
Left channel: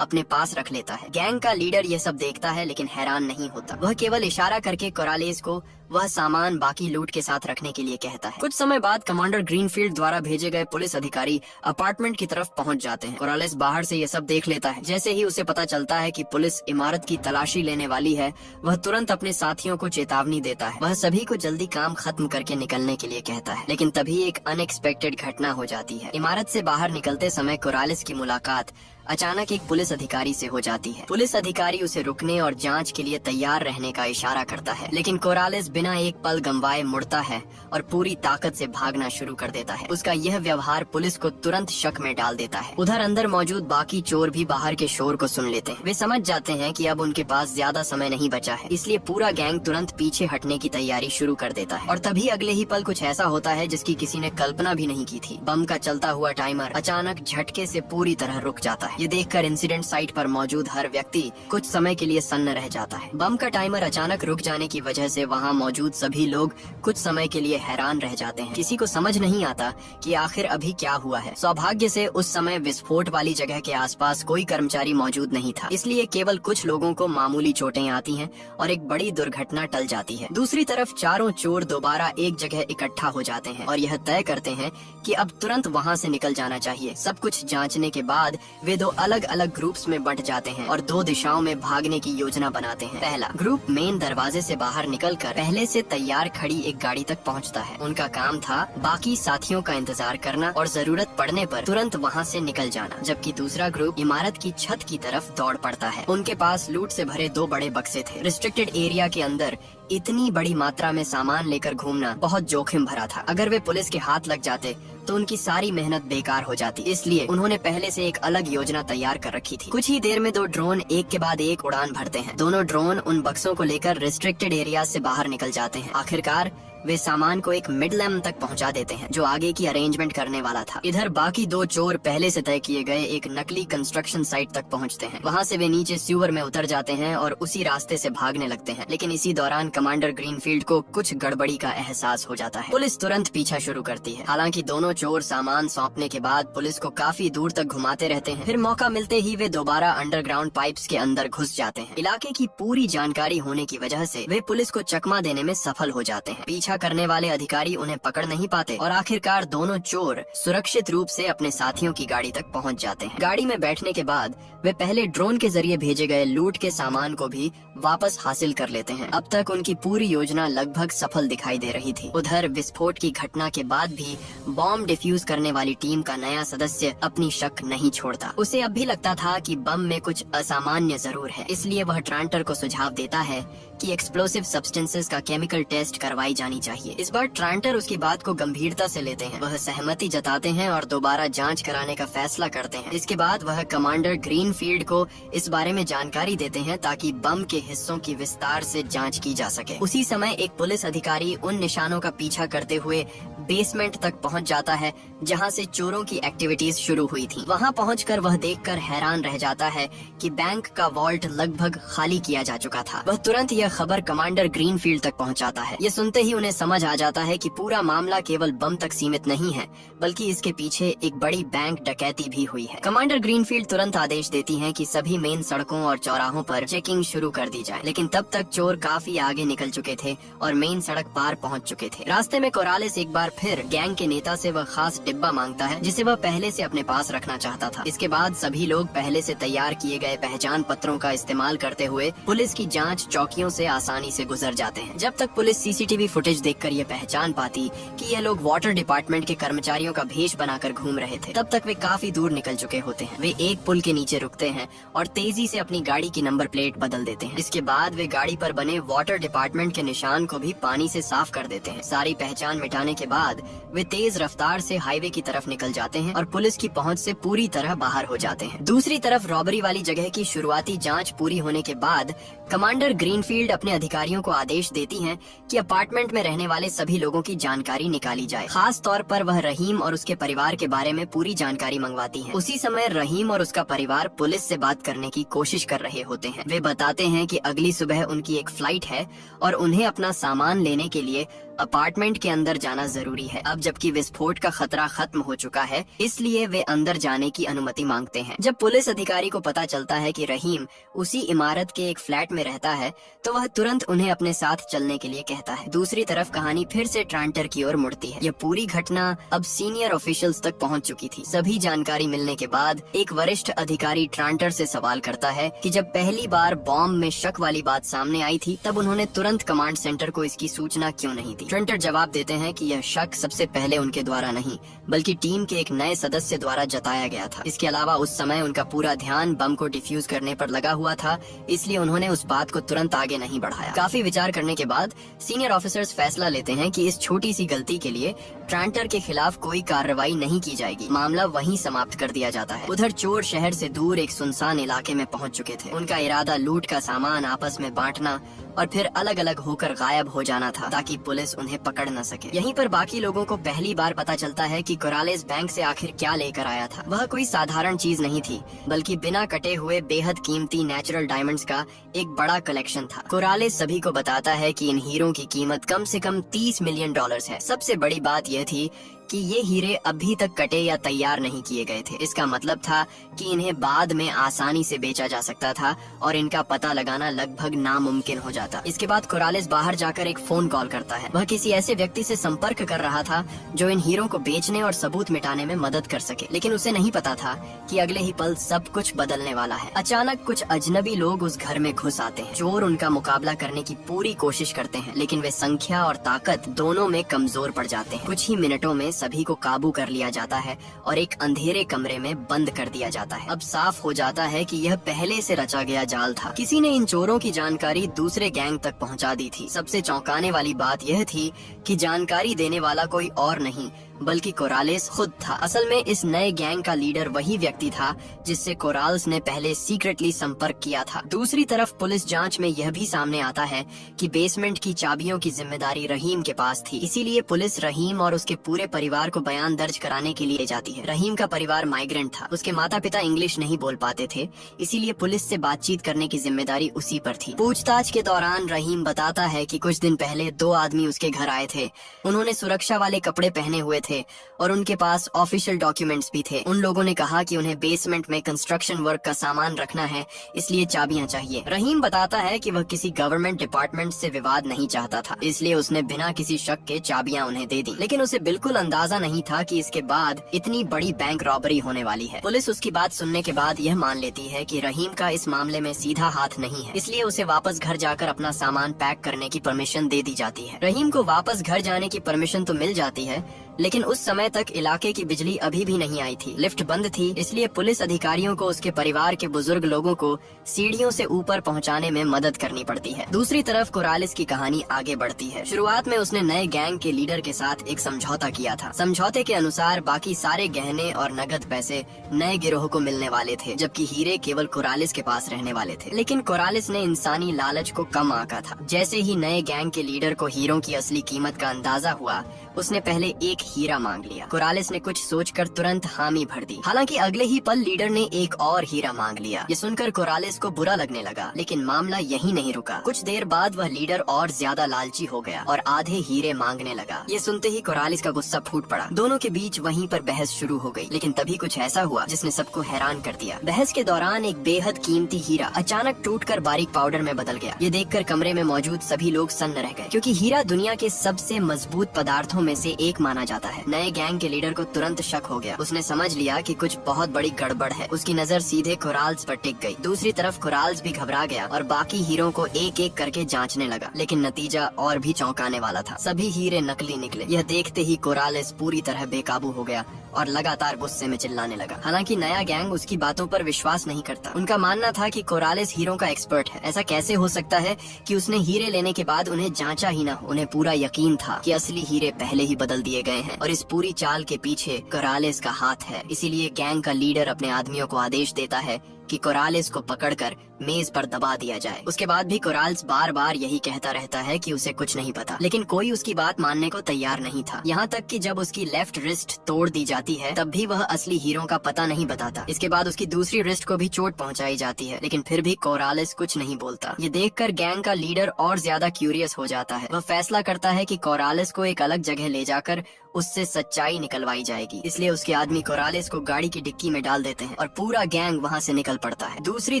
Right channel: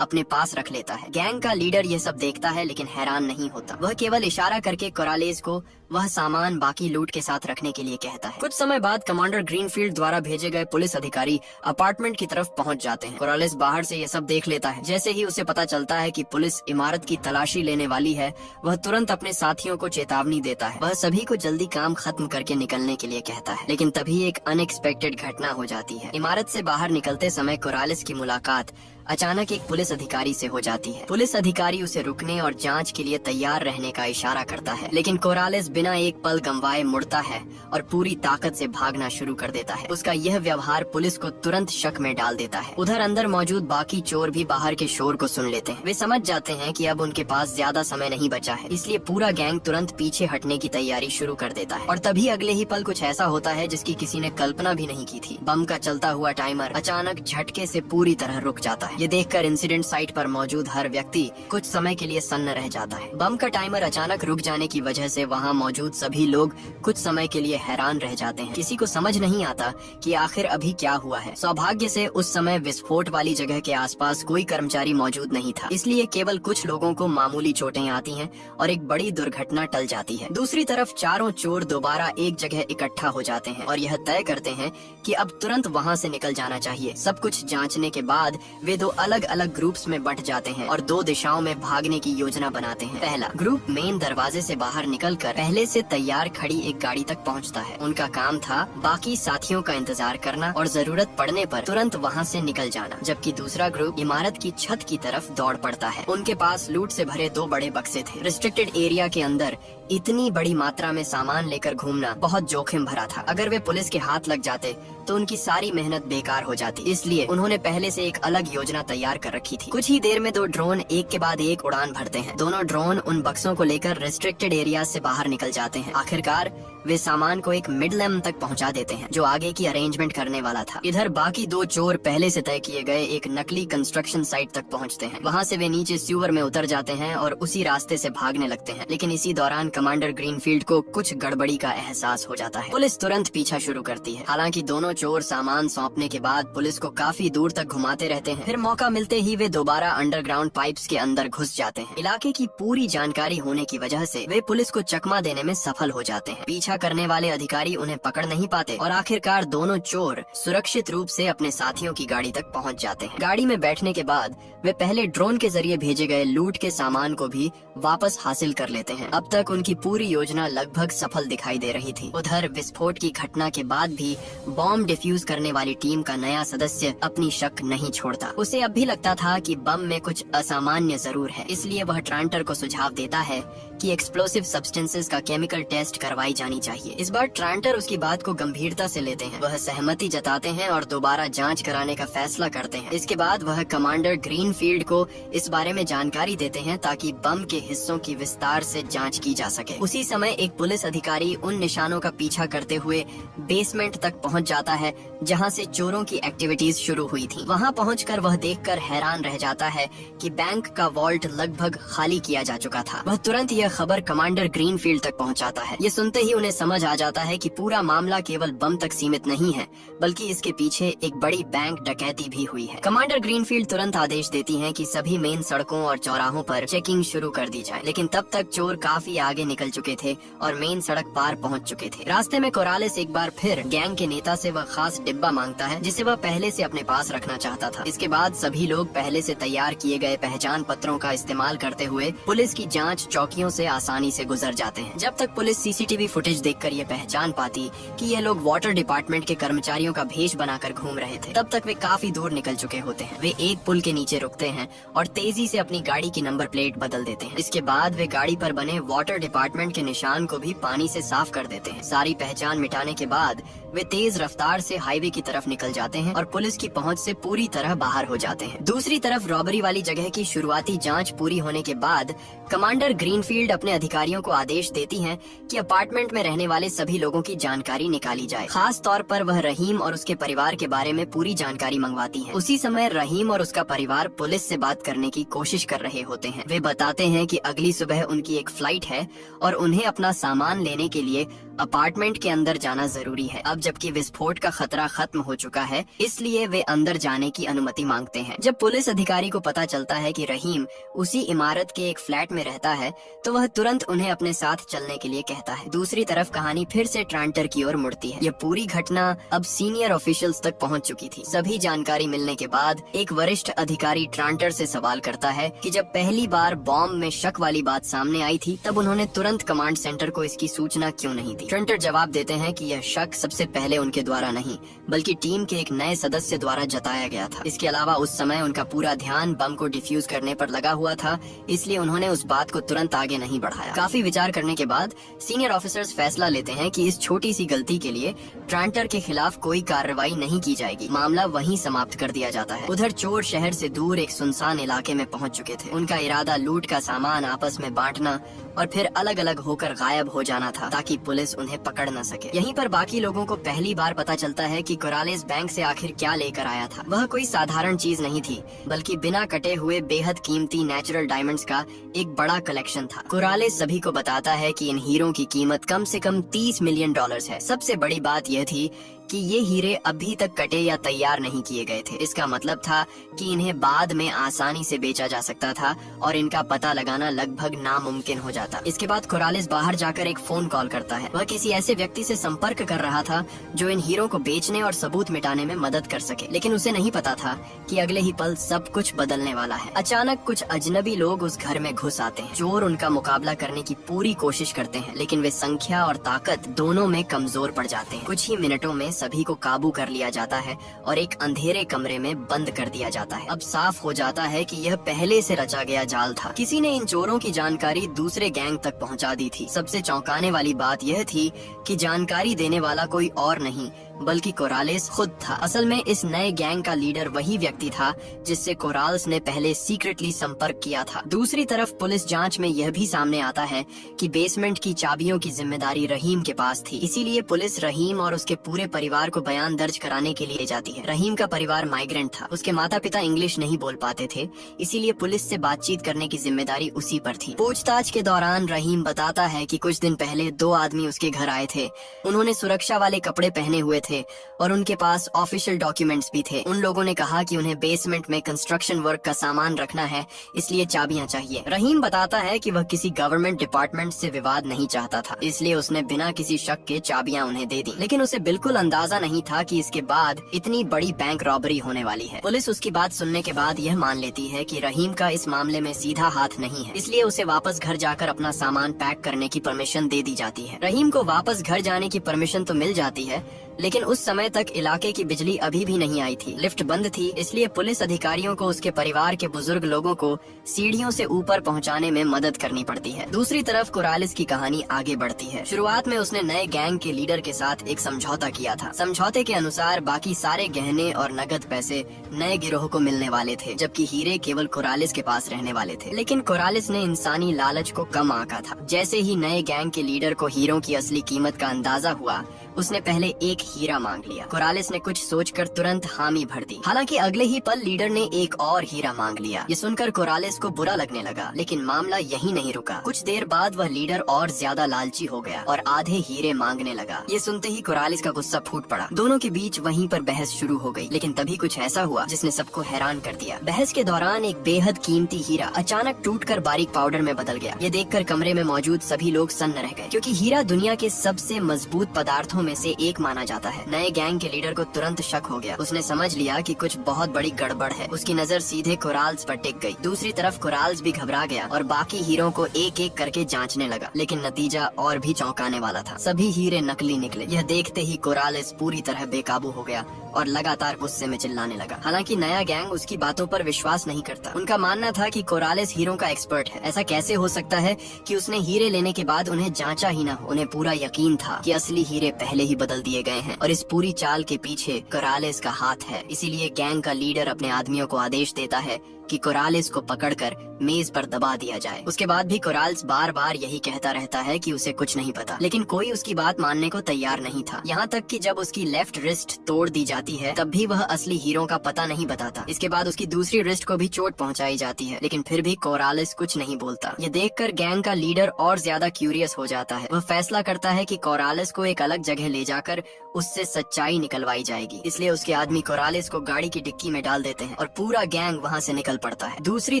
अपने पास रख लेता है। गैंग का लीडर ये सब देखता है लेकिन हैरान नहीं होता। वह केवल इशारा करके कोरालेस को वह सामान बाकी लूट के साथ रखने के लिए कहता है। कुछ समय बाद कमांडर ग्रीनफील्ड द्वारा भेजे गए पुलिस अधिकारी अपार्टमेंट की तरफ पहुंच जाते हैं। कोरालेस बाहर से ये सब देख लेता है। जैसे ही उसे पता चलता है कि पुलिस इमारत की तलाशी लेने वाली है, वह तुरंत अपने साथियों को चेतावनी देता है। वह सभी को जल्दी काम खत्म करके निकलने के लिए कहता है, लेकिन तभी एक अनएक्सपेक्टेड घटना हो जाती है। इमारत से बाहर निकलते समय कोरालेस की मुलाकात अचानक एक पुलिस अधिकारी से हो जाती है। पुलिस अधिकारी उसे रुकने और जांच के लिए तैयार रहने का इशारा करता है, लेकिन कोरालेस बिना एक पल गंवाए मुड़ता है और पूरी ताकत से भागना शुरू कर देता है। उसका यह व्यवहार पुलिस को तुरंत शक में डाल देता है। उधर अंदर मौजूद बाकी चोर भी बाहर के शोर को सुन लेते हैं। वे समझ जाते हैं कि अब उनके पास ज्यादा समय नहीं बचा है, इसलिए पूरा गैंग तुरंत पीछे हटने की तैयारी शुरू कर देता है। और तभी अगले ही पल कुछ ऐसा होता है जिसकी किसी ने कल्पना भी नहीं की थी। बम का चलता हुआ टाइमर अचानक झटके से पूरी तरह रुक जाता है। ये देखकर इंसिडेंट साइट पर मौजूद हर व्यक्ति कुछ समय के लिए सन्न रह जाता है। बम का टाइमर अचानक रुक जाने की वजह से वहाँ मौजूद सभी लोग कुछ समय के लिए हैरान रह जाते हैं। किसी को समझ नहीं आता कि आखिर अभी क्या हुआ है। सौभाग्य से उस समय विस्फोट वाली जगह के आसपास कोई कर्मचारी मौजूद नहीं था, इसलिए केवल कुछ लोगों को मामूली चोटें आती हैं और एक बड़ी दुर्घटना टल जाती है। दूसरी तरफ चारों चोर दोबारा एक जगह इकट्ठा हो जाते हैं और यह तय करते हैं कि अब तुरंत वहाँ से निकल जाना चाहिए। सब कुछ जांचने के बाद वे दो अलग अलग ग्रुप्स में बंट जाते हैं और दो दिशाओं में भागने की योजना बनाते हैं। पहला ग्रुप मेन दरवाजे से बाहर निकलकर पहले से तैयार खड़ी एक गाड़ी तक पहुंचता है। उनका काम था बाकी साथियों का इंतजार करना और जरूरत पड़ने पर तुरंत वहां से निकल जाना, जबकि दूसरा ग्रुप इमारत की छत की तरफ दौड़ पड़ता है। उनके पास लूट से भरे दो बड़े बक्से थे। रिस्ट्रिक्टेड एरिया के अंदर इतनी बड़ी मात्रा में सामान लेकर घूमना बहुत जोखिम भरा था। अगर वे पुलिस के हाथ लग जाते तो उनकी सारी मेहनत बेकार हो जाती, इसलिए उन्होंने पहले से एक अलग योजना तैयार कर रखी थी। कुछ ही देर में दो ड्रोन एक के बाद एक उड़ान भरते हैं। दोनों ड्रोन उन बक्सों को लेकर रिस्ट्रिक्टेड एरिया से बाहर निकल जाते हैं। आखिरकार वे सामान को एक मिडलैम तक पहुंचा देते हैं जो आगे की अरेंजमेंट करने वाला था। इधर बाकी दो चोर पहले से तय किए गए एक नकली कंस्ट्रक्शन साइट तक पहुंचते हैं। वहां से वे नीचे सीवर में उतर जाते हैं और उसी रास्ते से भागने लगते हैं, लेकिन इसी दौरान कमांडर ग्रीनफील्ड को कुछ गड़बड़ी का एहसास हो जाता है। पुलिस तुरंत पीछा शुरू करती है। हालांकि दोनों चोर सामान सौंपने के बाद पुलिस को काफी दूर तक घुमाते रहते हैं। फिर मौका मिलते ही वे दोबारा अंडरग्राउंड पाइप्स के अंदर घुस जाते हैं। इलाके की पूरी जानकारी होने की वजह से वे पुलिस को चकमा देने में सफल हो जाते हैं। पीछा पीछा करने वाले अधिकारी उन्हें पकड़ नहीं पाते और आखिरकार दोनों चोर सुरक्षित रूप से अपने साथियों की गाड़ी तक पहुंच जाते हैं। गाड़ी में बैठने के बाद वे पहले ड्रोन के जरिए भेजे गए लूट के सामान को भी वापस हासिल कर लेते हैं। अब तक उनकी पूरी योजना लगभग सफल दिखाई दे रही थी। उधर विस्फोट की घटना के बाद भी बॉम्ब डिफ्यूज करने वाली टीम का नया सदस्य अपनी शक नहीं छोड़ता। उसे अब भी लगता था कि बम में कुछ असामान्य जरूर है, इसलिए वह ट्रांटर को सुझाव देता है कि एक्सप्लोसिव सब्सटेंसेस का केमिकल टेस्ट करवाई जानी चाहिए। इस बार ट्रांटर उसकी बात को गंभीरता से लेते हैं। वह सहमति जताते हैं और दोबारा जांच कराने का फैसला करते हैं। इसके बाद वह कमांडर ग्रीनफील्ड को इस बारे में जानकारी देते हैं ताकि बम के हिस्सों की विस्तार से जांच की जा सके। उसी समय एक पुलिस अधिकारी उन निशानों का पीछा करते हुए बेसमेंट तक पहुंच जाता है जहां से चोरों की एक्टिविटीज शुरू हुई थी। वहां पहुंचकर वह देखकर हैरान रह जाता है कि बैंक का वॉल्ट लगभग खाली किया जा चुका था। वह तुरंत यह खबर कमांडर ग्रीनफील्ड तक पहुंचाता है। ये सुनते ही उन्हें समझ आ जाता है कि पूरा मामला केवल बम तक सीमित नहीं है, बल्कि इसके पीछे एक बड़ी बैंक डकैती भी हुई है। कमांडर ग्रीनफील्ड तुरंत आदेश देती हैं कि सभी मेन सड़कों और चौराहों पर चेकिंग शुरू कर दी जाए, लेकिन तब तक चोर काफी आगे निकल चुके थे और मेन सड़क पार पहुंच चुके थे। रास्ते में कोरालेस एक बार फिर गैंग के नेता से वह खास डिब्बा मांगता है जिसे वह पहले से अपने पास रखना चाहता था। इसके बाद सभी लोग पहले से तैयार किए गए पहचान पत्रों का इस्तेमाल करते हुए पुलिस की जांच चौकियों से आसानी से गुजर जाते हैं। जब तक पुलिस सीसीटीवी फुटेज देखकर ये पहचान पाती कि ये लोग वाटर डिपार्टमेंट के कर्मचारियों का भेष बनाकर घूम रहे थे, तब तक वे काफी दूर निकल चुके होते हैं। वे एक पुल के नीचे रुकते हैं और तेजी से अपनी गाड़ी की नंबर प्लेट बदल देते हैं। इसके बाद वे गाड़ी पर बने वाटर डिपार्टमेंट के निशान को भी पानी से साफ कर देते हैं। सारी पहचान मिटाने के बाद वे तेज रफ्तार से हाईवे की तरफ निकल जाते हैं और पुलिस की पहुंच से पूरी तरह बाहर हो जाते हैं। दूसरी तरफ रॉबरी वाली जगह की शुरुआती जांच पूरी होने के बाद कमांडर ग्रीनफील्ड अपने अधिकारियों को आदेश देती हैं कि अपार्टमेंट में रहने वाले सभी लोगों की जानकारी निकाली जाए। खास तौर पर वह रहीम और उसके परिवार के बारे में पूरी जानकारी मंगवाती हैं। उसी समय रहीम और उसका परिवार पुलिस से बात करने की कोशिश कर रहे होते हैं। वे बताते हैं कि अगली सुबह उनकी एक फ्लाइट है और उन्हें अपना सामान लेने के लिए अपार्टमेंट के अंदर जाना जरूरी है। अब जबकि विस्फोट का खतरा खत्म हो चुका है, इसलिए वे अंदर जाने की अनुमति मांगते हैं। जब पुलिस अधिकारी को पता चलता है कि रहीम उसी इमारत के एक फ्लैट में रहता है, तो वह तुरंत उन्हें अपने साथ चलने के लिए कहता है। दूसरी तरफ कहानी फिर से ट्रांटर की ओर मुड़ती है। यह पूरी घटना अब सीनियर ऑफिशियल्स तक पहुंच चुकी थी। सभी जानकारी मिलने के बाद एक वरिष्ठ अधिकारी ट्रांटर से सवाल करता है कि जब पहली बार बॉम्ब में शक वाली बात सामने आई थी, तब उन्होंने तुरंत कमांड सेंटर को इसकी सूचना क्यों नहीं दी। ट्रांटर जवाब देते हैं कि यह शक सबसे पहले उनके द्वारा नहीं, बल्कि टीम के एक नए सदस्य द्वारा जताया गया था। इसके अलावा उस समय उनका पूरा ध्यान बम को डिफ्यूज करने पर लगा हुआ था, इसलिए उन्होंने उस बात को तुरंत आगे नहीं बढ़ाया। काफी विचार करने के बाद सीनियर ऑफिसर्स फैसला लेते हैं कि इस छोटी सी गलती के लिए ट्रांटर के खिलाफ कोई कार्रवाई नहीं की जाएगी। मामला वहीं समाप्त कर दिया जाता है। उधर चोर शहर से दूर एक सुनसान इलाके में पहुंच चुके थे। उनका इरादा लूट का सामान आपस में बांटना और फिर अलग अलग होकर गायब हो जाना था, ताकि पुलिस उन्हें पकड़ न सके। यहीं पर बाकी लोगों को पहली बार पता चलता है कि कोरालेस बैंक से आखिर क्या लेकर आया था। वह कोई साधारण चीज नहीं थी, बल्कि बिना कटे हुए बेहद कीमती नेचुरल डायमंड्स का एक बड़ा कलेक्शन था। कोरालेस सभी को बताता है कि इन हीरों की कीमत कम से कम $30 मिलियन है। सबसे बड़ी बात यह थी कि ये हीरे अभी तक कटे या तैयार नहीं किए गए थे। इसका मतलब था कि इन्हें बाद में आसानी से बेचा जा सकता था और इनका पता लगाना लगभग नामुमकिन हो जाता। इसके बाद कोरालेस बाहर जाकर एक फोन कॉल करता है। वह किसी ऐसे व्यक्ति से संपर्क कर रहा था जो इन हीरों को बेचने और सबूत मिटाने में मदद कर सके, लेकिन उसे नहीं पता था कि अगले ही पल सब कुछ बदलने वाला है। अचानक कुछ अजनबी लोग उस घर में घुस आते हैं। चोर उनका मुकाबला करने की पूरी कोशिश करते हैं, लेकिन वे संख्या और ताकत दोनों में कमजोर पड़ जाते हैं। कुछ ही मिनटों में सभी को काबू कर लिया जाता है और एक अंधेरे कमरे में बंद कर दिया जाता है। अब साफ हो जाता है कि यह पहले से रचा गया जाल था। किसी ने इन चोरों की जानकारी दूसरे गैंग तक पहुंचा दी थी। सबसे चौंकाने वाली बात यह थी कि जानकारी देने वाला कोई और नहीं बल्कि कोरालेस खुद था। असल में इस नए गैंग का लीडर वही व्यक्ति था जिससे कोराल्स ने पहले सीक्रेटली संपर्क किया था। दूसरी तरफ पुलिस जांच में यह भी सामने आता है कि बेसमेंट की चाबियों की जिम्मेदारी रहीम के पास थी। इसीलिए पुलिस रहीम और उसके पूरे परिवार को बयान दर्ज कराने के लिए जाती है। रहीम का परिवार माइग्रेंट था। उसके माता पिता इंग्लिश नहीं बोल पाते थे, इसीलिए पुलिस से बातचीत करने की जिम्मेदारी उसी पर थी। पूछताछ के दौरान रहीम बताता है कि कुछ दिन पहले 2 आदमी उसके घर आए थे। उन्होंने सुरक्षा वाले कपड़े पहने हुए थे और उनके पास ऑफिशियल डॉक्यूमेंट्स भी थे। उन लोगों ने कहा कि उन्हें बेसमेंट में कंस्ट्रक्शन वर्क का सामान रखना है, इसलिए चाबियां चाहिए। रहीम बताता है कि वह किसी गवर्नमेंट डिपार्टमेंट से विवाद नहीं चाहता था, इसलिए उसने बिना किसी शक के चाबियां उन्हें दे दी। लेकिन उसे बिल्कुल अंदाजा नहीं था कि इसके बाद इतनी बड़ी बैंक रॉबरी होने वाली है। पुलिस उसकी बात सुनने के बाद यह मान लेती है कि रहीम का इस मामले में सीधा हाथ नहीं है, इसलिए उसे वापस घर जाकर अपना सामान पैक करने की परमिशन दे दी जाती है। रहीम को वापस घर जाने की परमिशन तो मिल जाती है, लेकिन उस समय तक इलाके की बिजली अभी भी नहीं आई थी, लिफ्ट बंद थी, इसलिए पुलिस अधिकारियों को उसके परिवार के बुजुर्ग लोगों को सीढ़ियों से ऊपर पहुंचाने में मदद करनी पड़ती है। दूसरी तरफ कोरालिस की कहानी आगे बढ़ती है। शुरुआत में उसने नए गैंग के लीडर के साथ एक समझौता किया था। समझौते के अनुसार बाकी सारे गहने और नगद पैसे नए गिरोह को मिलने वाले थे, जबकि हीरे केवल कोरालिस के पास रहने वाले थे। लेकिन कोरालिस ने इंसानी लालच को कम आंका था। जैसे ही नए गैंग के लीडर को हीरों की असली कीमत का अंदाजा हुआ, उसने पहले एक हीरा मांग लिया। कोरालिस ने कुछ सोचकर तुरंत हामी भर दी। हालांकि अगले ही पल लीडर ने एक और हीरा मांग लिया। ये सुनकर कोरालिस को बुरा लगने लगा, लेकिन मामला यहीं नहीं रुका। कुछ देर बाद वह लीडर और ज्यादा लालची हो गया और आधे हीरे मांगने लगा। ये सुनते ही कोरालिस का गुस्सा फूट पड़ा। दोनों के बीच वहीं पर बहस शुरू हो गई। लेकिन तभी कुछ ऐसा हुआ जिसने सबको हैरान कर दिया। बहस के दौरान एक बेहद कीमती हीरा अचानक टूटकर बारीक पाउडर में बदल गया। ये देखकर कमरे में मौजूद सभी लोग सन्न रह गए, क्योंकि हीरा दुनिया के सबसे मजबूत पदार्थों में से एक माना जाता है। नए गैंग के लीडर को तुरंत शक हो गया। उसने समझ लिया कि कुछ बहुत बड़ी गड़बड़ है। उसकी नजर सीधे कोराल्स पर टिक गई। दूसरी तरफ कोराल्स भी घबरा गया और बाकी हीरों को एक एक करके जांचने लगा, लेकिन नतीजा और भी चौंकाने वाला था। सभी हीरे नकली निकले। यह देखते ही कोरालिस पूरी तरह बेकाबू हो गया और लगातार गुस्से में चिल्लाने लगा। हालांकि नया गैंग उसकी बातों पर विश्वास नहीं करता। उनका मानना था कि कोरालिस हीरों का एक्सपर्ट है। ऐसा कैसे हो सकता है कि उसने हीरे लेने के बाद उन्हें जांचा ही न हो। उन्हें पूरा यकीन था कि असली हीरे पहले ही बदल दिए गए हैं और इस पूरी चाल के पीछे कोरालिस का हाथ है। इसीलिए गैंग का लीडर अपने आदमियों को आदेश देता है कि कोरालिस को पकड़कर मेज पर दबा दिया जाए। उसके बाद भी कोरालिस बार बार यही कहता रहता है कि उसे कुछ नहीं पता, लेकिन कोई उसकी बात मानने को तैयार नहीं था। यहाँ तक कि जब उसकी लेफ्ट रिस्ट तोड़ दी जाती है, तब भी वह असली हीरो का पता नहीं बताता। इसके बाद उसकी दूसरी रिस्ट को भी चोट पहुँचाई जाती है, लेकिन फिर भी कोरालिस कुछ नहीं बोलता। ये देखकर गैंग का लीडर और ज्यादा क्यूरियस हो जाता है। वह फैसला करता है कि कोरालिस को एक अलग जगह ले जाकर उससे सच्चाई निकलवाई जाएगी। इसलिए उसके आदमी कोरालिस को गाड़ी की डिक्की में डाल देते हैं और पूरा गैंग वहाँ से निकल पड़ता है। दूसरी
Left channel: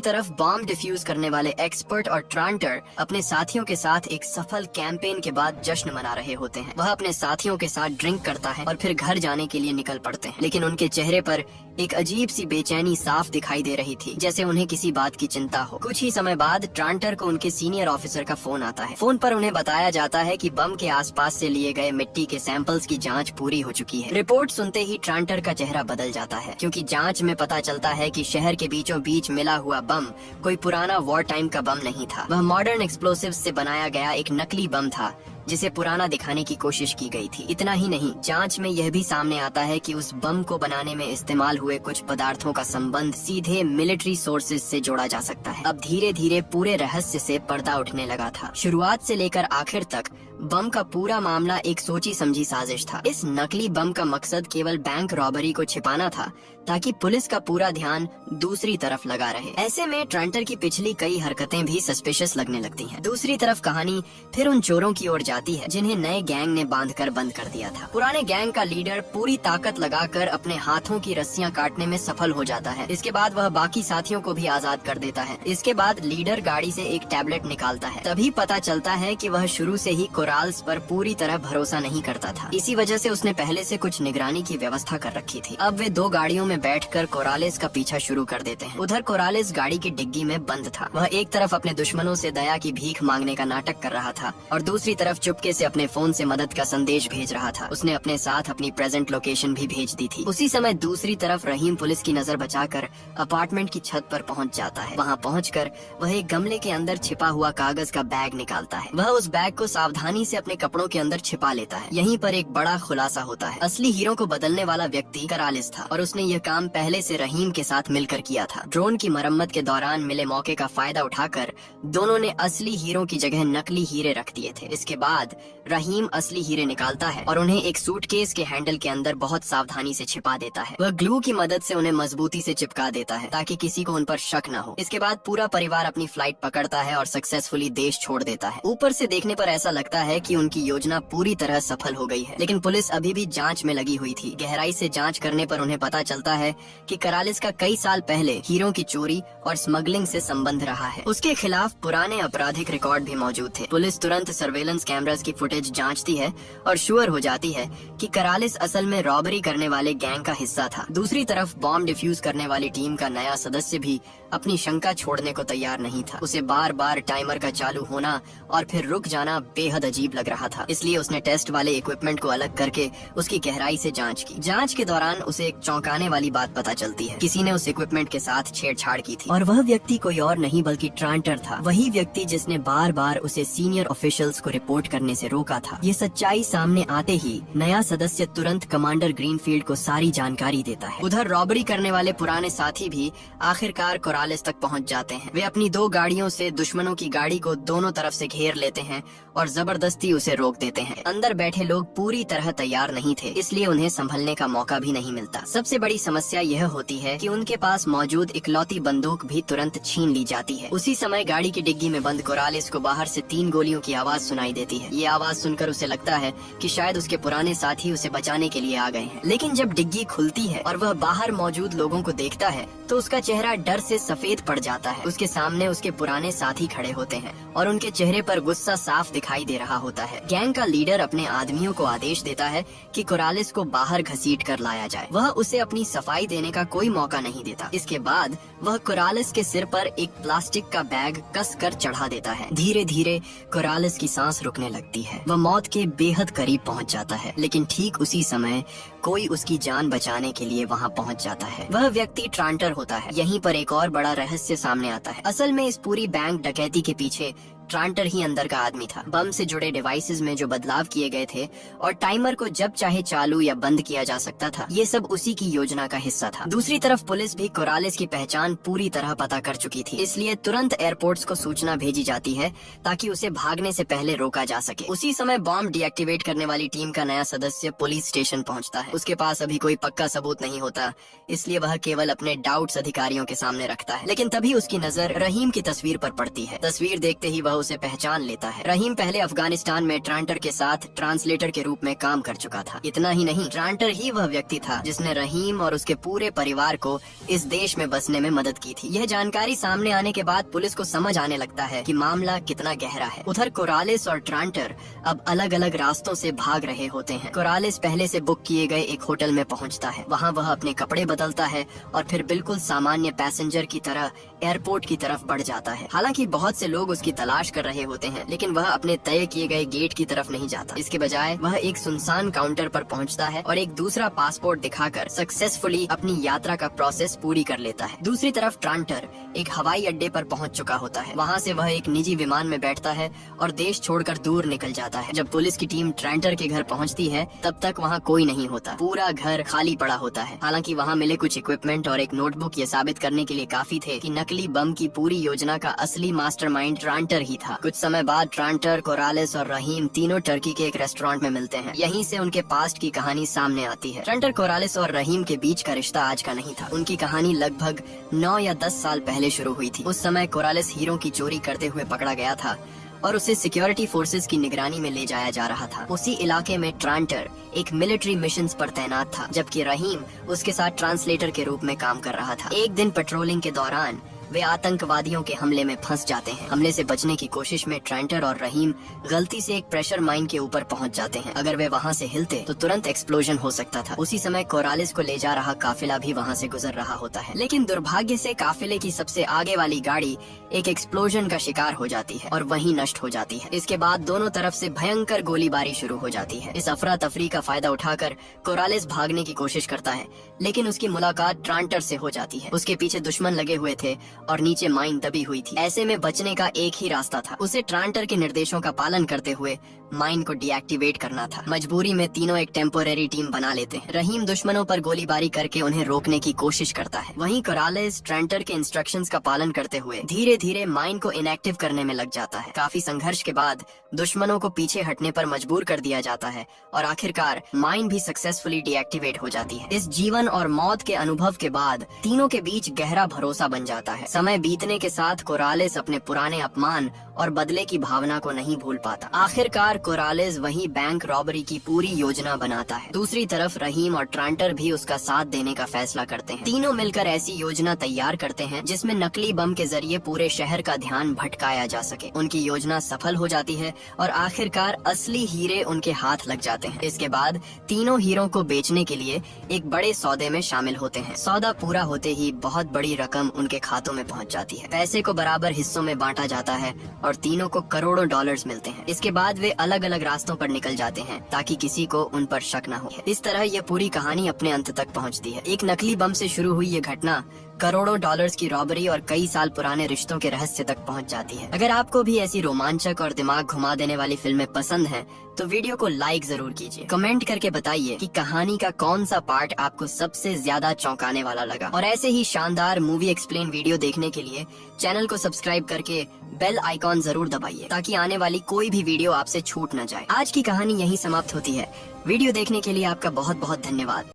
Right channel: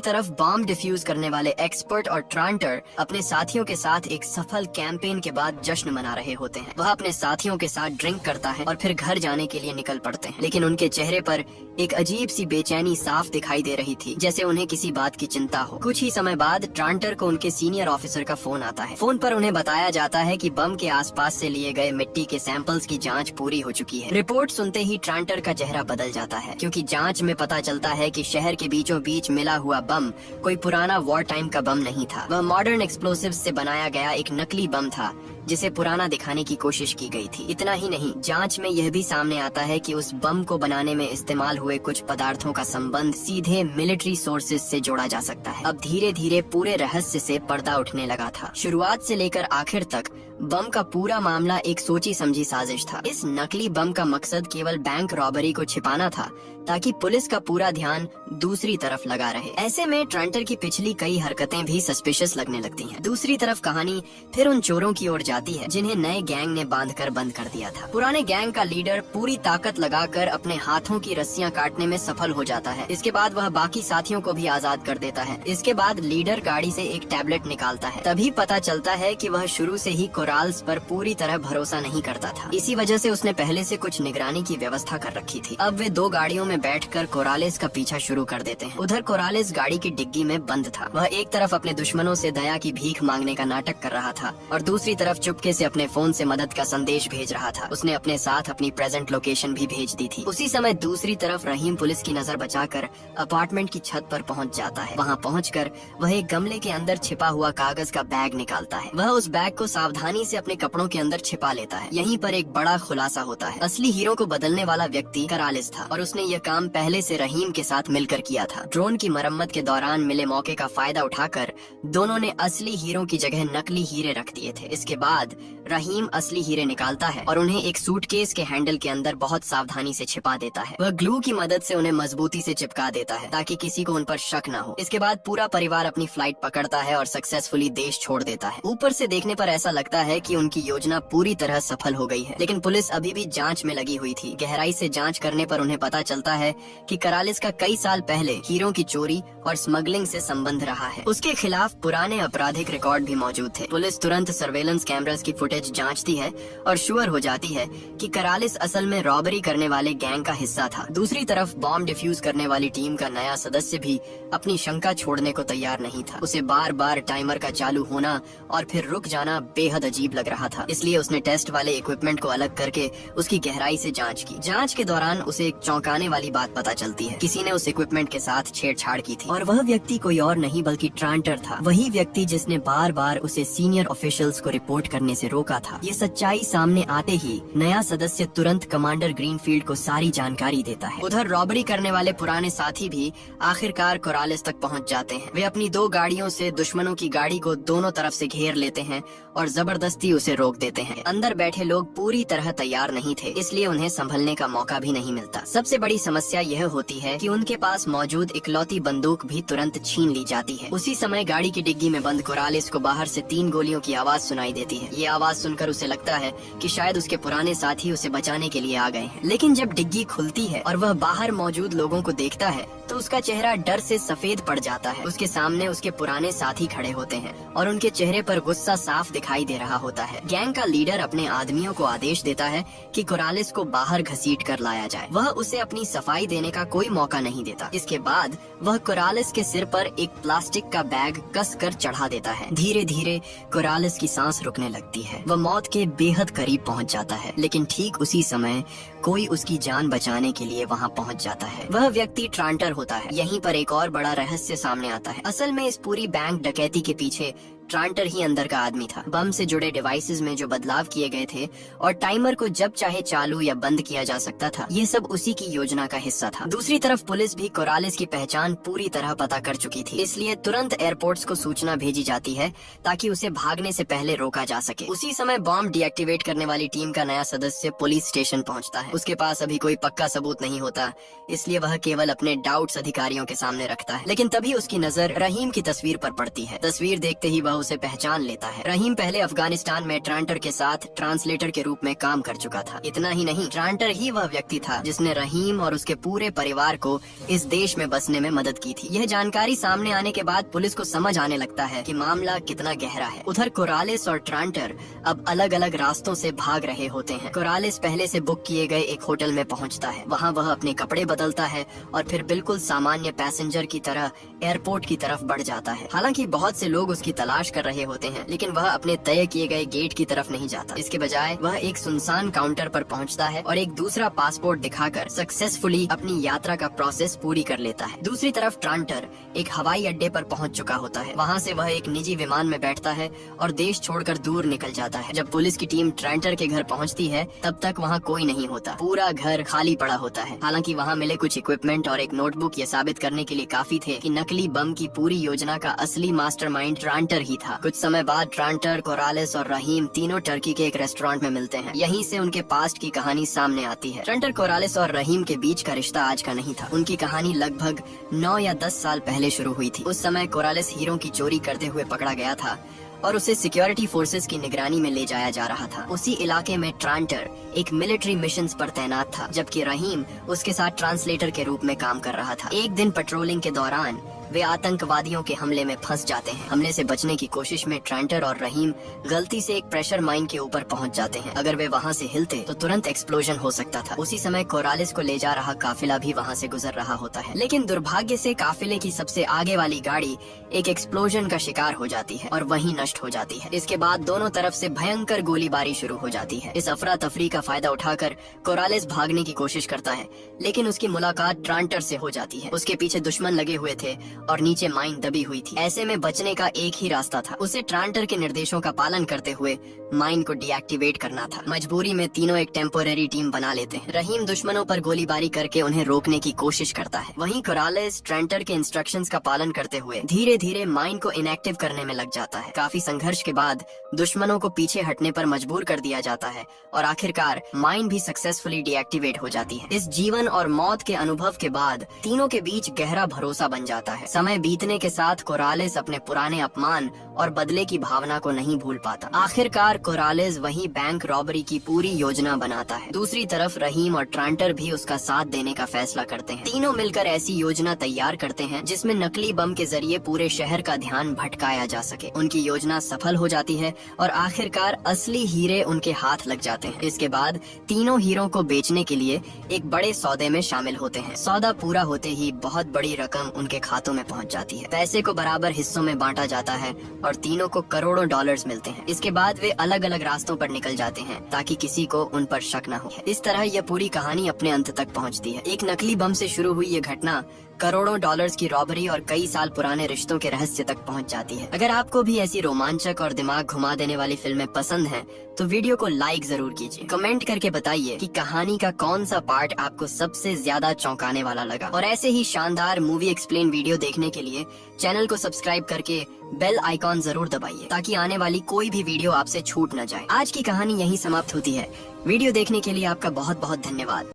तरफ बॉम्ब डिफ्यूज करने वाले एक्सपर्ट और ट्रांटर अपने साथियों के साथ एक सफल कैंपेन के बाद जश्न मना रहे होते हैं। वह अपने साथियों के साथ ड्रिंक करता है और फिर घर जाने के लिए निकल पड़ते हैं, लेकिन उनके चेहरे पर एक अजीब सी बेचैनी साफ दिखाई दे रही थी, जैसे उन्हें किसी बात की चिंता हो। कुछ ही समय बाद ट्रांटर को उनके सीनियर ऑफिसर का फोन आता है। फोन पर उन्हें बताया जाता है कि बम के आसपास से लिए गए मिट्टी के सैंपल्स की जांच पूरी हो चुकी है। रिपोर्ट सुनते ही ट्रांटर का चेहरा बदल जाता है, क्योंकि जांच में पता चलता है कि शहर के बीचों बीच मिला हुआ बम कोई पुराना वॉर टाइम का बम नहीं था। वह मॉडर्न एक्सप्लोसिव्स से बनाया गया एक नकली बम था, जिसे पुराना दिखाने की कोशिश की गई थी। इतना ही नहीं, जांच में यह भी सामने आता है कि उस बम को बनाने में इस्तेमाल हुए कुछ पदार्थों का संबंध सीधे मिलिट्री सोर्सेज से जोड़ा जा सकता है। अब धीरे धीरे पूरे रहस्य से पर्दा उठने लगा था। शुरुआत से लेकर आखिर तक बम का पूरा मामला एक सोची समझी साजिश था। इस नकली बम का मकसद केवल बैंक रॉबरी को छिपाना था, ताकि पुलिस का पूरा ध्यान दूसरी तरफ लगा रहे। ऐसे में ट्रांटर की पिछली कई हरकतें भी सस्पिशियस लगने लगती हैं। दूसरी तरफ कहानी फिर उन चोरों की ओर जाती है जिन्हें नए गैंग ने बांधकर बंद कर दिया था। पुराने गैंग का लीडर पूरी ताकत लगाकर अपने हाथों की रस्सियां काटने में सफल हो जाता है। इसके बाद वह बाकी साथियों को भी आजाद कर देता है। इसके बाद लीडर गाड़ी से एक टैबलेट निकालता है। तभी पता चलता है कि वह शुरू से ही कोराल्स पर पूरी तरह भरोसा नहीं करता था। इसी वजह से उसने पहले से कुछ निगरानी की व्यवस्था कर रखी थी। अब वे दो गाड़ियों में बैठकर कोरालिस का पीछा शुरू कर देते हैं। उधर कोरालिस गाड़ी की डिग्गी में बंद था। वह एक तरफ अपने दुश्मनों से दया की भीख मांगने का नाटक कर रहा था और दूसरी तरफ चुपके से अपने फोन से मदद का संदेश भेज रहा था। उसने अपने साथ अपनी प्रेजेंट लोकेशन भी भेज दी थी। उसी समय दूसरी तरफ रहीम पुलिस की नजर बचाकर अपार्टमेंट की छत पर पहुंच जाता है। वहां पहुंचकर वह एक गमले के अंदर छिपा हुआ कागज का बैग निकालता है। वह उस बैग को सावधानी से अपने कपड़ों के अंदर छिपा लेता है। यहीं पर एक बड़ा खुलासा होता है। असली हीरो को बदलने वाला व्यक्ति कोरालिस था और उसने ये काम पहले से रहीम के साथ मिलकर किया था। ड्रोन की मरम्मत के दौरान मिले मौके का फायदा उठाकर दोनों ने असली हीरो की जगह नकली हीरे रख दिए थे। इसके बाद रहीम असली हीरे निकालता है और उन्हें एक सूटकेस के हैंडल के अंदर बहुत सावधानी से छिपा देता है। वह ग्लू की मदद से उन्हें मजबूती से चिपका देता है ताकि किसी को उन पर शक न हो। इसके बाद पूरा परिवार अपनी फ्लाइट पकड़ता है और सक्सेसफुली देश छोड़ देता है। ऊपर से देखने पर ऐसा लगता है कि उनकी योजना पूरी तरह सफल हो गई है, लेकिन पुलिस अभी भी जांच में लगी हुई थी। गहराई से जांच करने पर उन्हें पता चलता है कि करालिस का कई साल पहले हीरों की चोरी और स्मगलिंग से संबंध रहा है। उसके खिलाफ पुराने आपराधिक रिकॉर्ड भी मौजूद थे। पुलिस तुरंत सर्वेलेंस कैमरास की फुटेज जांचती है और श्योर हो जाती है कि करालिस असल में रॉबरी करने वाले गैंग का हिस्सा था। दूसरी तरफ बॉम्ब डिफ्यूज करने वाली टीम का नया सदस्य भी अपनी शंका छोड़ने को तैयार नहीं था। उसे बार बार टाइमर का चालू होना और फिर रुक जाना बेहद अजीब लग रहा था, इसलिए उसने टेस्ट वाले इक्विपमेंट को अलग करके उसकी गहराई से जांच की। जांच के दौरान उसे एक चौंकाने वाली बात पता चलती है। किसी ने उस इक्विपमेंट के साथ छेड़छाड़ की थी और वह व्यक्ति कोई और नहीं बल्कि ट्रांटर था, वही व्यक्ति जिसने बार बार उसे सीनियर ऑफिशियल्स को रिपोर्ट करने से रोका था। ये सच्चाई सामने आते ही नया सदस्य तुरंत कमांडर ग्रीनफील्ड को सारी जानकारी देता है। उधर रॉबरी करने वाले पुराने साथी भी आखिरकार कोरालिस तक पहुंच जाते हैं। वे अपनी 2 गाड़ियों से दुश्मनों की गाड़ी को दोनों तरफ से घेर लेते हैं और जबरदस्ती उसे रोक देते हैं। अंदर बैठे लोग पूरी तरह तैयार नहीं थे, इसलिए उन्हें संभलने का मौका भी नहीं मिलता। सबसे बड़ी समस्या यह होती है कि उनके पास मौजूद इकलौती बंदूक भी तुरंत छीन ली जाती है। उसी समय गाड़ी की डिग्गी में बंद कोरालिस को बाहर से 3 गोलियों की आवाज सुनाई देती है। ये आवाज सुनकर उसे लगता है कि शायद उसके पुराने साथी उसे बचाने के लिए आ गए हैं, लेकिन जब डिग्गी खुलती है और वह बाहर मौजूद लोगों को देखता है तो उसका चेहरा डर से सफेद पड़ जाता है। उसके सामने उसके पुराने साथी खड़े होते हैं और उनके चेहरे पर गुस्सा साफ दिखाई दे रहा होता है। गैंग का लीडर अपने आदमियों को आदेश देता है कि कोरालिस को बाहर घसीट कर लाया जाए। वह उसे अपनी सफाई देने का कोई मौका नहीं देता। इसके बाद वह कोरालिस के सिर पर एक प्लास्टिक का बैग कस कर चढ़ा देता है। धीरे धीरे कोरालिस की सांस रुकने लगती है। वह मौत के बेहद करीब पहुंच जाता है, लेकिन ठीक उसी समय कोई उसकी जान बचाने के लिए वहां पहुंच जाता है। वह व्यक्ति ट्रांटर होता है। यहीं पर एक और बड़ा रहस्य सामने आता है। असल में इस पूरी बैंक डकैती के पीछे ट्रांटर ही अंदर का आदमी था। बम से जुड़े डिवाइसेस में जो बदलाव किए गए थे और टाइमर को जब चाहे चालू या बंद किया जा सकता था, ये सब उसी की योजना का हिस्सा था। दूसरी तरफ पुलिस भी कोरालिस की पहचान पूरी तरह पता कर चुकी थी, इसलिए तुरंत एयरपोर्ट्स को सूचना भेजी जाती है ताकि उसे भागने से पहले रोका जा सके। उसी समय बॉम्ब डीएक्टिवेट करने वाली टीम का नया सदस्य पुलिस स्टेशन पहुंचता है। उसके पास अभी कोई पक्का सबूत नहीं होता, इसलिए वह केवल अपने डाउट्स अधिकारियों के सामने रखता है। लेकिन तभी उसकी नजर रहीम की तस्वीर पर पड़ती है। तस्वीर देखते ही वह उसे पहचान लेता है। रहीम पहले अफगानिस्तान में ट्रांटर के साथ ट्रांसलेटर के रूप में काम कर चुका था। इतना ही नहीं, ट्रांटर ही वह व्यक्ति था जिसने रहीम और उसके पूरे परिवार को इस देश में बसने में मदद की थी। यह जानकारी सामने आने के बाद पुलिस को समझ आने लगता है कि मामला कितना गहरा है। उधर कोरालिस और ट्रांटर अब अलग अलग रास्तों से भाग रहे होते हैं। कोरालिस पहले से बुक किए गए एक होटल में पहुंचता है। वहां वह अपने कपड़े बदलता है और फिर बिल्कुल सामान्य पैसेंजर की तरह एयरपोर्ट की तरफ बढ़ जाता है। हालांकि बहुत से लोग उसकी तलाश कर रहे होते हैं, लेकिन वह अपने तय किए गए गेट की तरफ नहीं जाता। इसके बजाय वह एक सुनसान काउंटर पर पहुंचता है और एक दूसरा पासपोर्ट दिखाकर सक्सेसफुली अपनी यात्रा का प्रोसेस पूरी कर लेता है। दूसरी तरफ ट्रांटर एक हवाई अड्डे पर पहुंच चुका होता है। वहां से वह एक निजी विमान में बैठता है और देश छोड़कर दूर निकल जाता है। जब पुलिस की टीम ट्रांटर के घर पहुंचती है तब तक वहां कोई नहीं होता। पूरा घर खाली पड़ा होता है। हालांकि वहां मिले कुछ इक्विपमेंट और एक नोटबुक ये साबित करने के लिए काफी थे कि नकली बम की पूरी योजना का असली मास्टरमाइंड ट्रांटर ही था। कुछ समय बाद ट्रांटर, कोरालिस और रहीम तीनों टर्की के एक रेस्टोरेंट में मिलते हैं। यहीं से उनके पास्ट की कहानी सामने आती है। ट्रांटर, कोरालिस और रहीम के बीच का रिश्ता आज का नहीं था। उनकी कहानी लगभग 9 या 10 साल पहले शुरू हुई थी। उस समय कोरालिस हीरों की चोरी करते हुए पकड़ा गया था और उसे सिक्योरिटी फोर्सेस की निगरानी में ले जाया जा रहा था। उसी इलाके में ट्रांटर एक मिलिट्री मिशंस पर तैनात था, जबकि रहीम उसके साथ ट्रांसलेटर के रूप में काम कर रहा था। एक दिन पेट्रोलिंग के दौरान वे आतंकवादियों के हमले में फंस जाते हैं। हमले से बचने की कोशिश में ट्रांटर और रहीम गलती से एक प्रेशर माइन के ऊपर पहुंच जाते हैं। अगर वे वहां से हिलते तो तुरंत एक्सप्लोजन हो सकता था। उसी समय कोरालिस को ले जा रहा काफिला भी वहां से गुजर रहा होता है, लेकिन दुर्भाग्य से काफिले की सबसे आगे वाली गाड़ी एक एक्सप्लोजन का शिकार हो जाती है और वहीं नष्ट हो जाती है। इसके बाद दोनों तरफ से भयंकर गोलीबारी शुरू हो जाती है। इस अफरा तफरी का फायदा उठाकर कोरालिस भागने की कोशिश करता है, लेकिन उसकी मुलाकात ट्रांटर से हो जाती है। उसके पीछे दुश्मन लगे हुए थे और नीचे माइन दबी हुई थी। ऐसे में बचने का एक ही रास्ता था, उसे ट्रांटर के निर्देशों का पालन करते हुए माइन को डीएक्टिवेट करना था। मजबूरी में तीनों एक टेम्पोरेरी टीम बना लेते हैं। रहीम दुश्मनों पर गोलीबारी करके उन्हें रोकने की कोशिश करता है। वहीं कोरालिस ट्रांटर के इंस्ट्रक्शंस का पालन करते हुए धीरे धीरे माइन को इनएक्टिव करने में लग जाता है। काफी संघर्ष के बाद दुश्मनों को पीछे हटने पर मजबूर कर दिया जाता है और आखिरकार माइन भी सक्सेसफुली डीएक्टिवेट हो जाती है। इस जीवन और मौत के अनुभव के बाद तीनों के बीच गहरा भरोसा बन जाता है। समय बीतने के साथ कोरालेस अपने पुराने अपमान और बदले की भावना को नहीं भूल पाता। आखिरकार कोरालेस वही बैंक रॉबरी की पूरी योजना बनाता है। दूसरी तरफ रहीम और ट्रांटर भी उसका साथ देने का फैसला करते हैं। तीनों मिलकर ऐसी योजना तैयार करते हैं जिसमें नकली बम के जरिए पूरे शहर का ध्यान भटकाया जा सके। उनकी योजना सफल हो जाती है और आखिरकार असली हीरे उनके हाथ लग जाते हैं। इसके बाद तीनों हीरो को बेचने के लिए एक बड़े सौदे में शामिल होते हैं। सौदा पूरा होते ही बहुत बड़ी रकम उनके खातों में पहुंच जाती है। पैसे को बराबर हिस्सों में बांटा जाता है और तीनों को करोड़ों डॉलर्स मिलते हैं। इसके बाद वे अलग अलग रास्तों पर निकल जाते हैं ताकि किसी को उन पर शक न हो। इस तरह यह पूरी कहानी अपने अंत तक पहुंचती है। एक नकली बम से शुरू हुई ये घटना करोड़ों डॉलर्स की रॉबरी और कई साल पुराने रिश्तों के रहस्य तक पहुंच जाती है। अगर आपको भी ऐसी रोमांचक और दिमाग घुमा देने वाली फिल्में पसंद हैं, तो वीडियो को लाइक जरूर कीजिए। कमेंट करके बताइए कि कहानी का कौन सा पार्ट आपको सबसे ज्यादा चौंकाने वाला लगा। और ऐसे ही शानदार मूवी एक्सप्लेन वीडियो देखने के लिए चैनल को सब्सक्राइब करके बेल आइकॉन जरूर दबाइए ताकि आने वाली कोई भी वीडियो आपसे छूट न जाए। आज की कहानी यहीं समाप्त होती है। वीडियो देखने के लिए आपका बहुत बहुत धन्यवाद।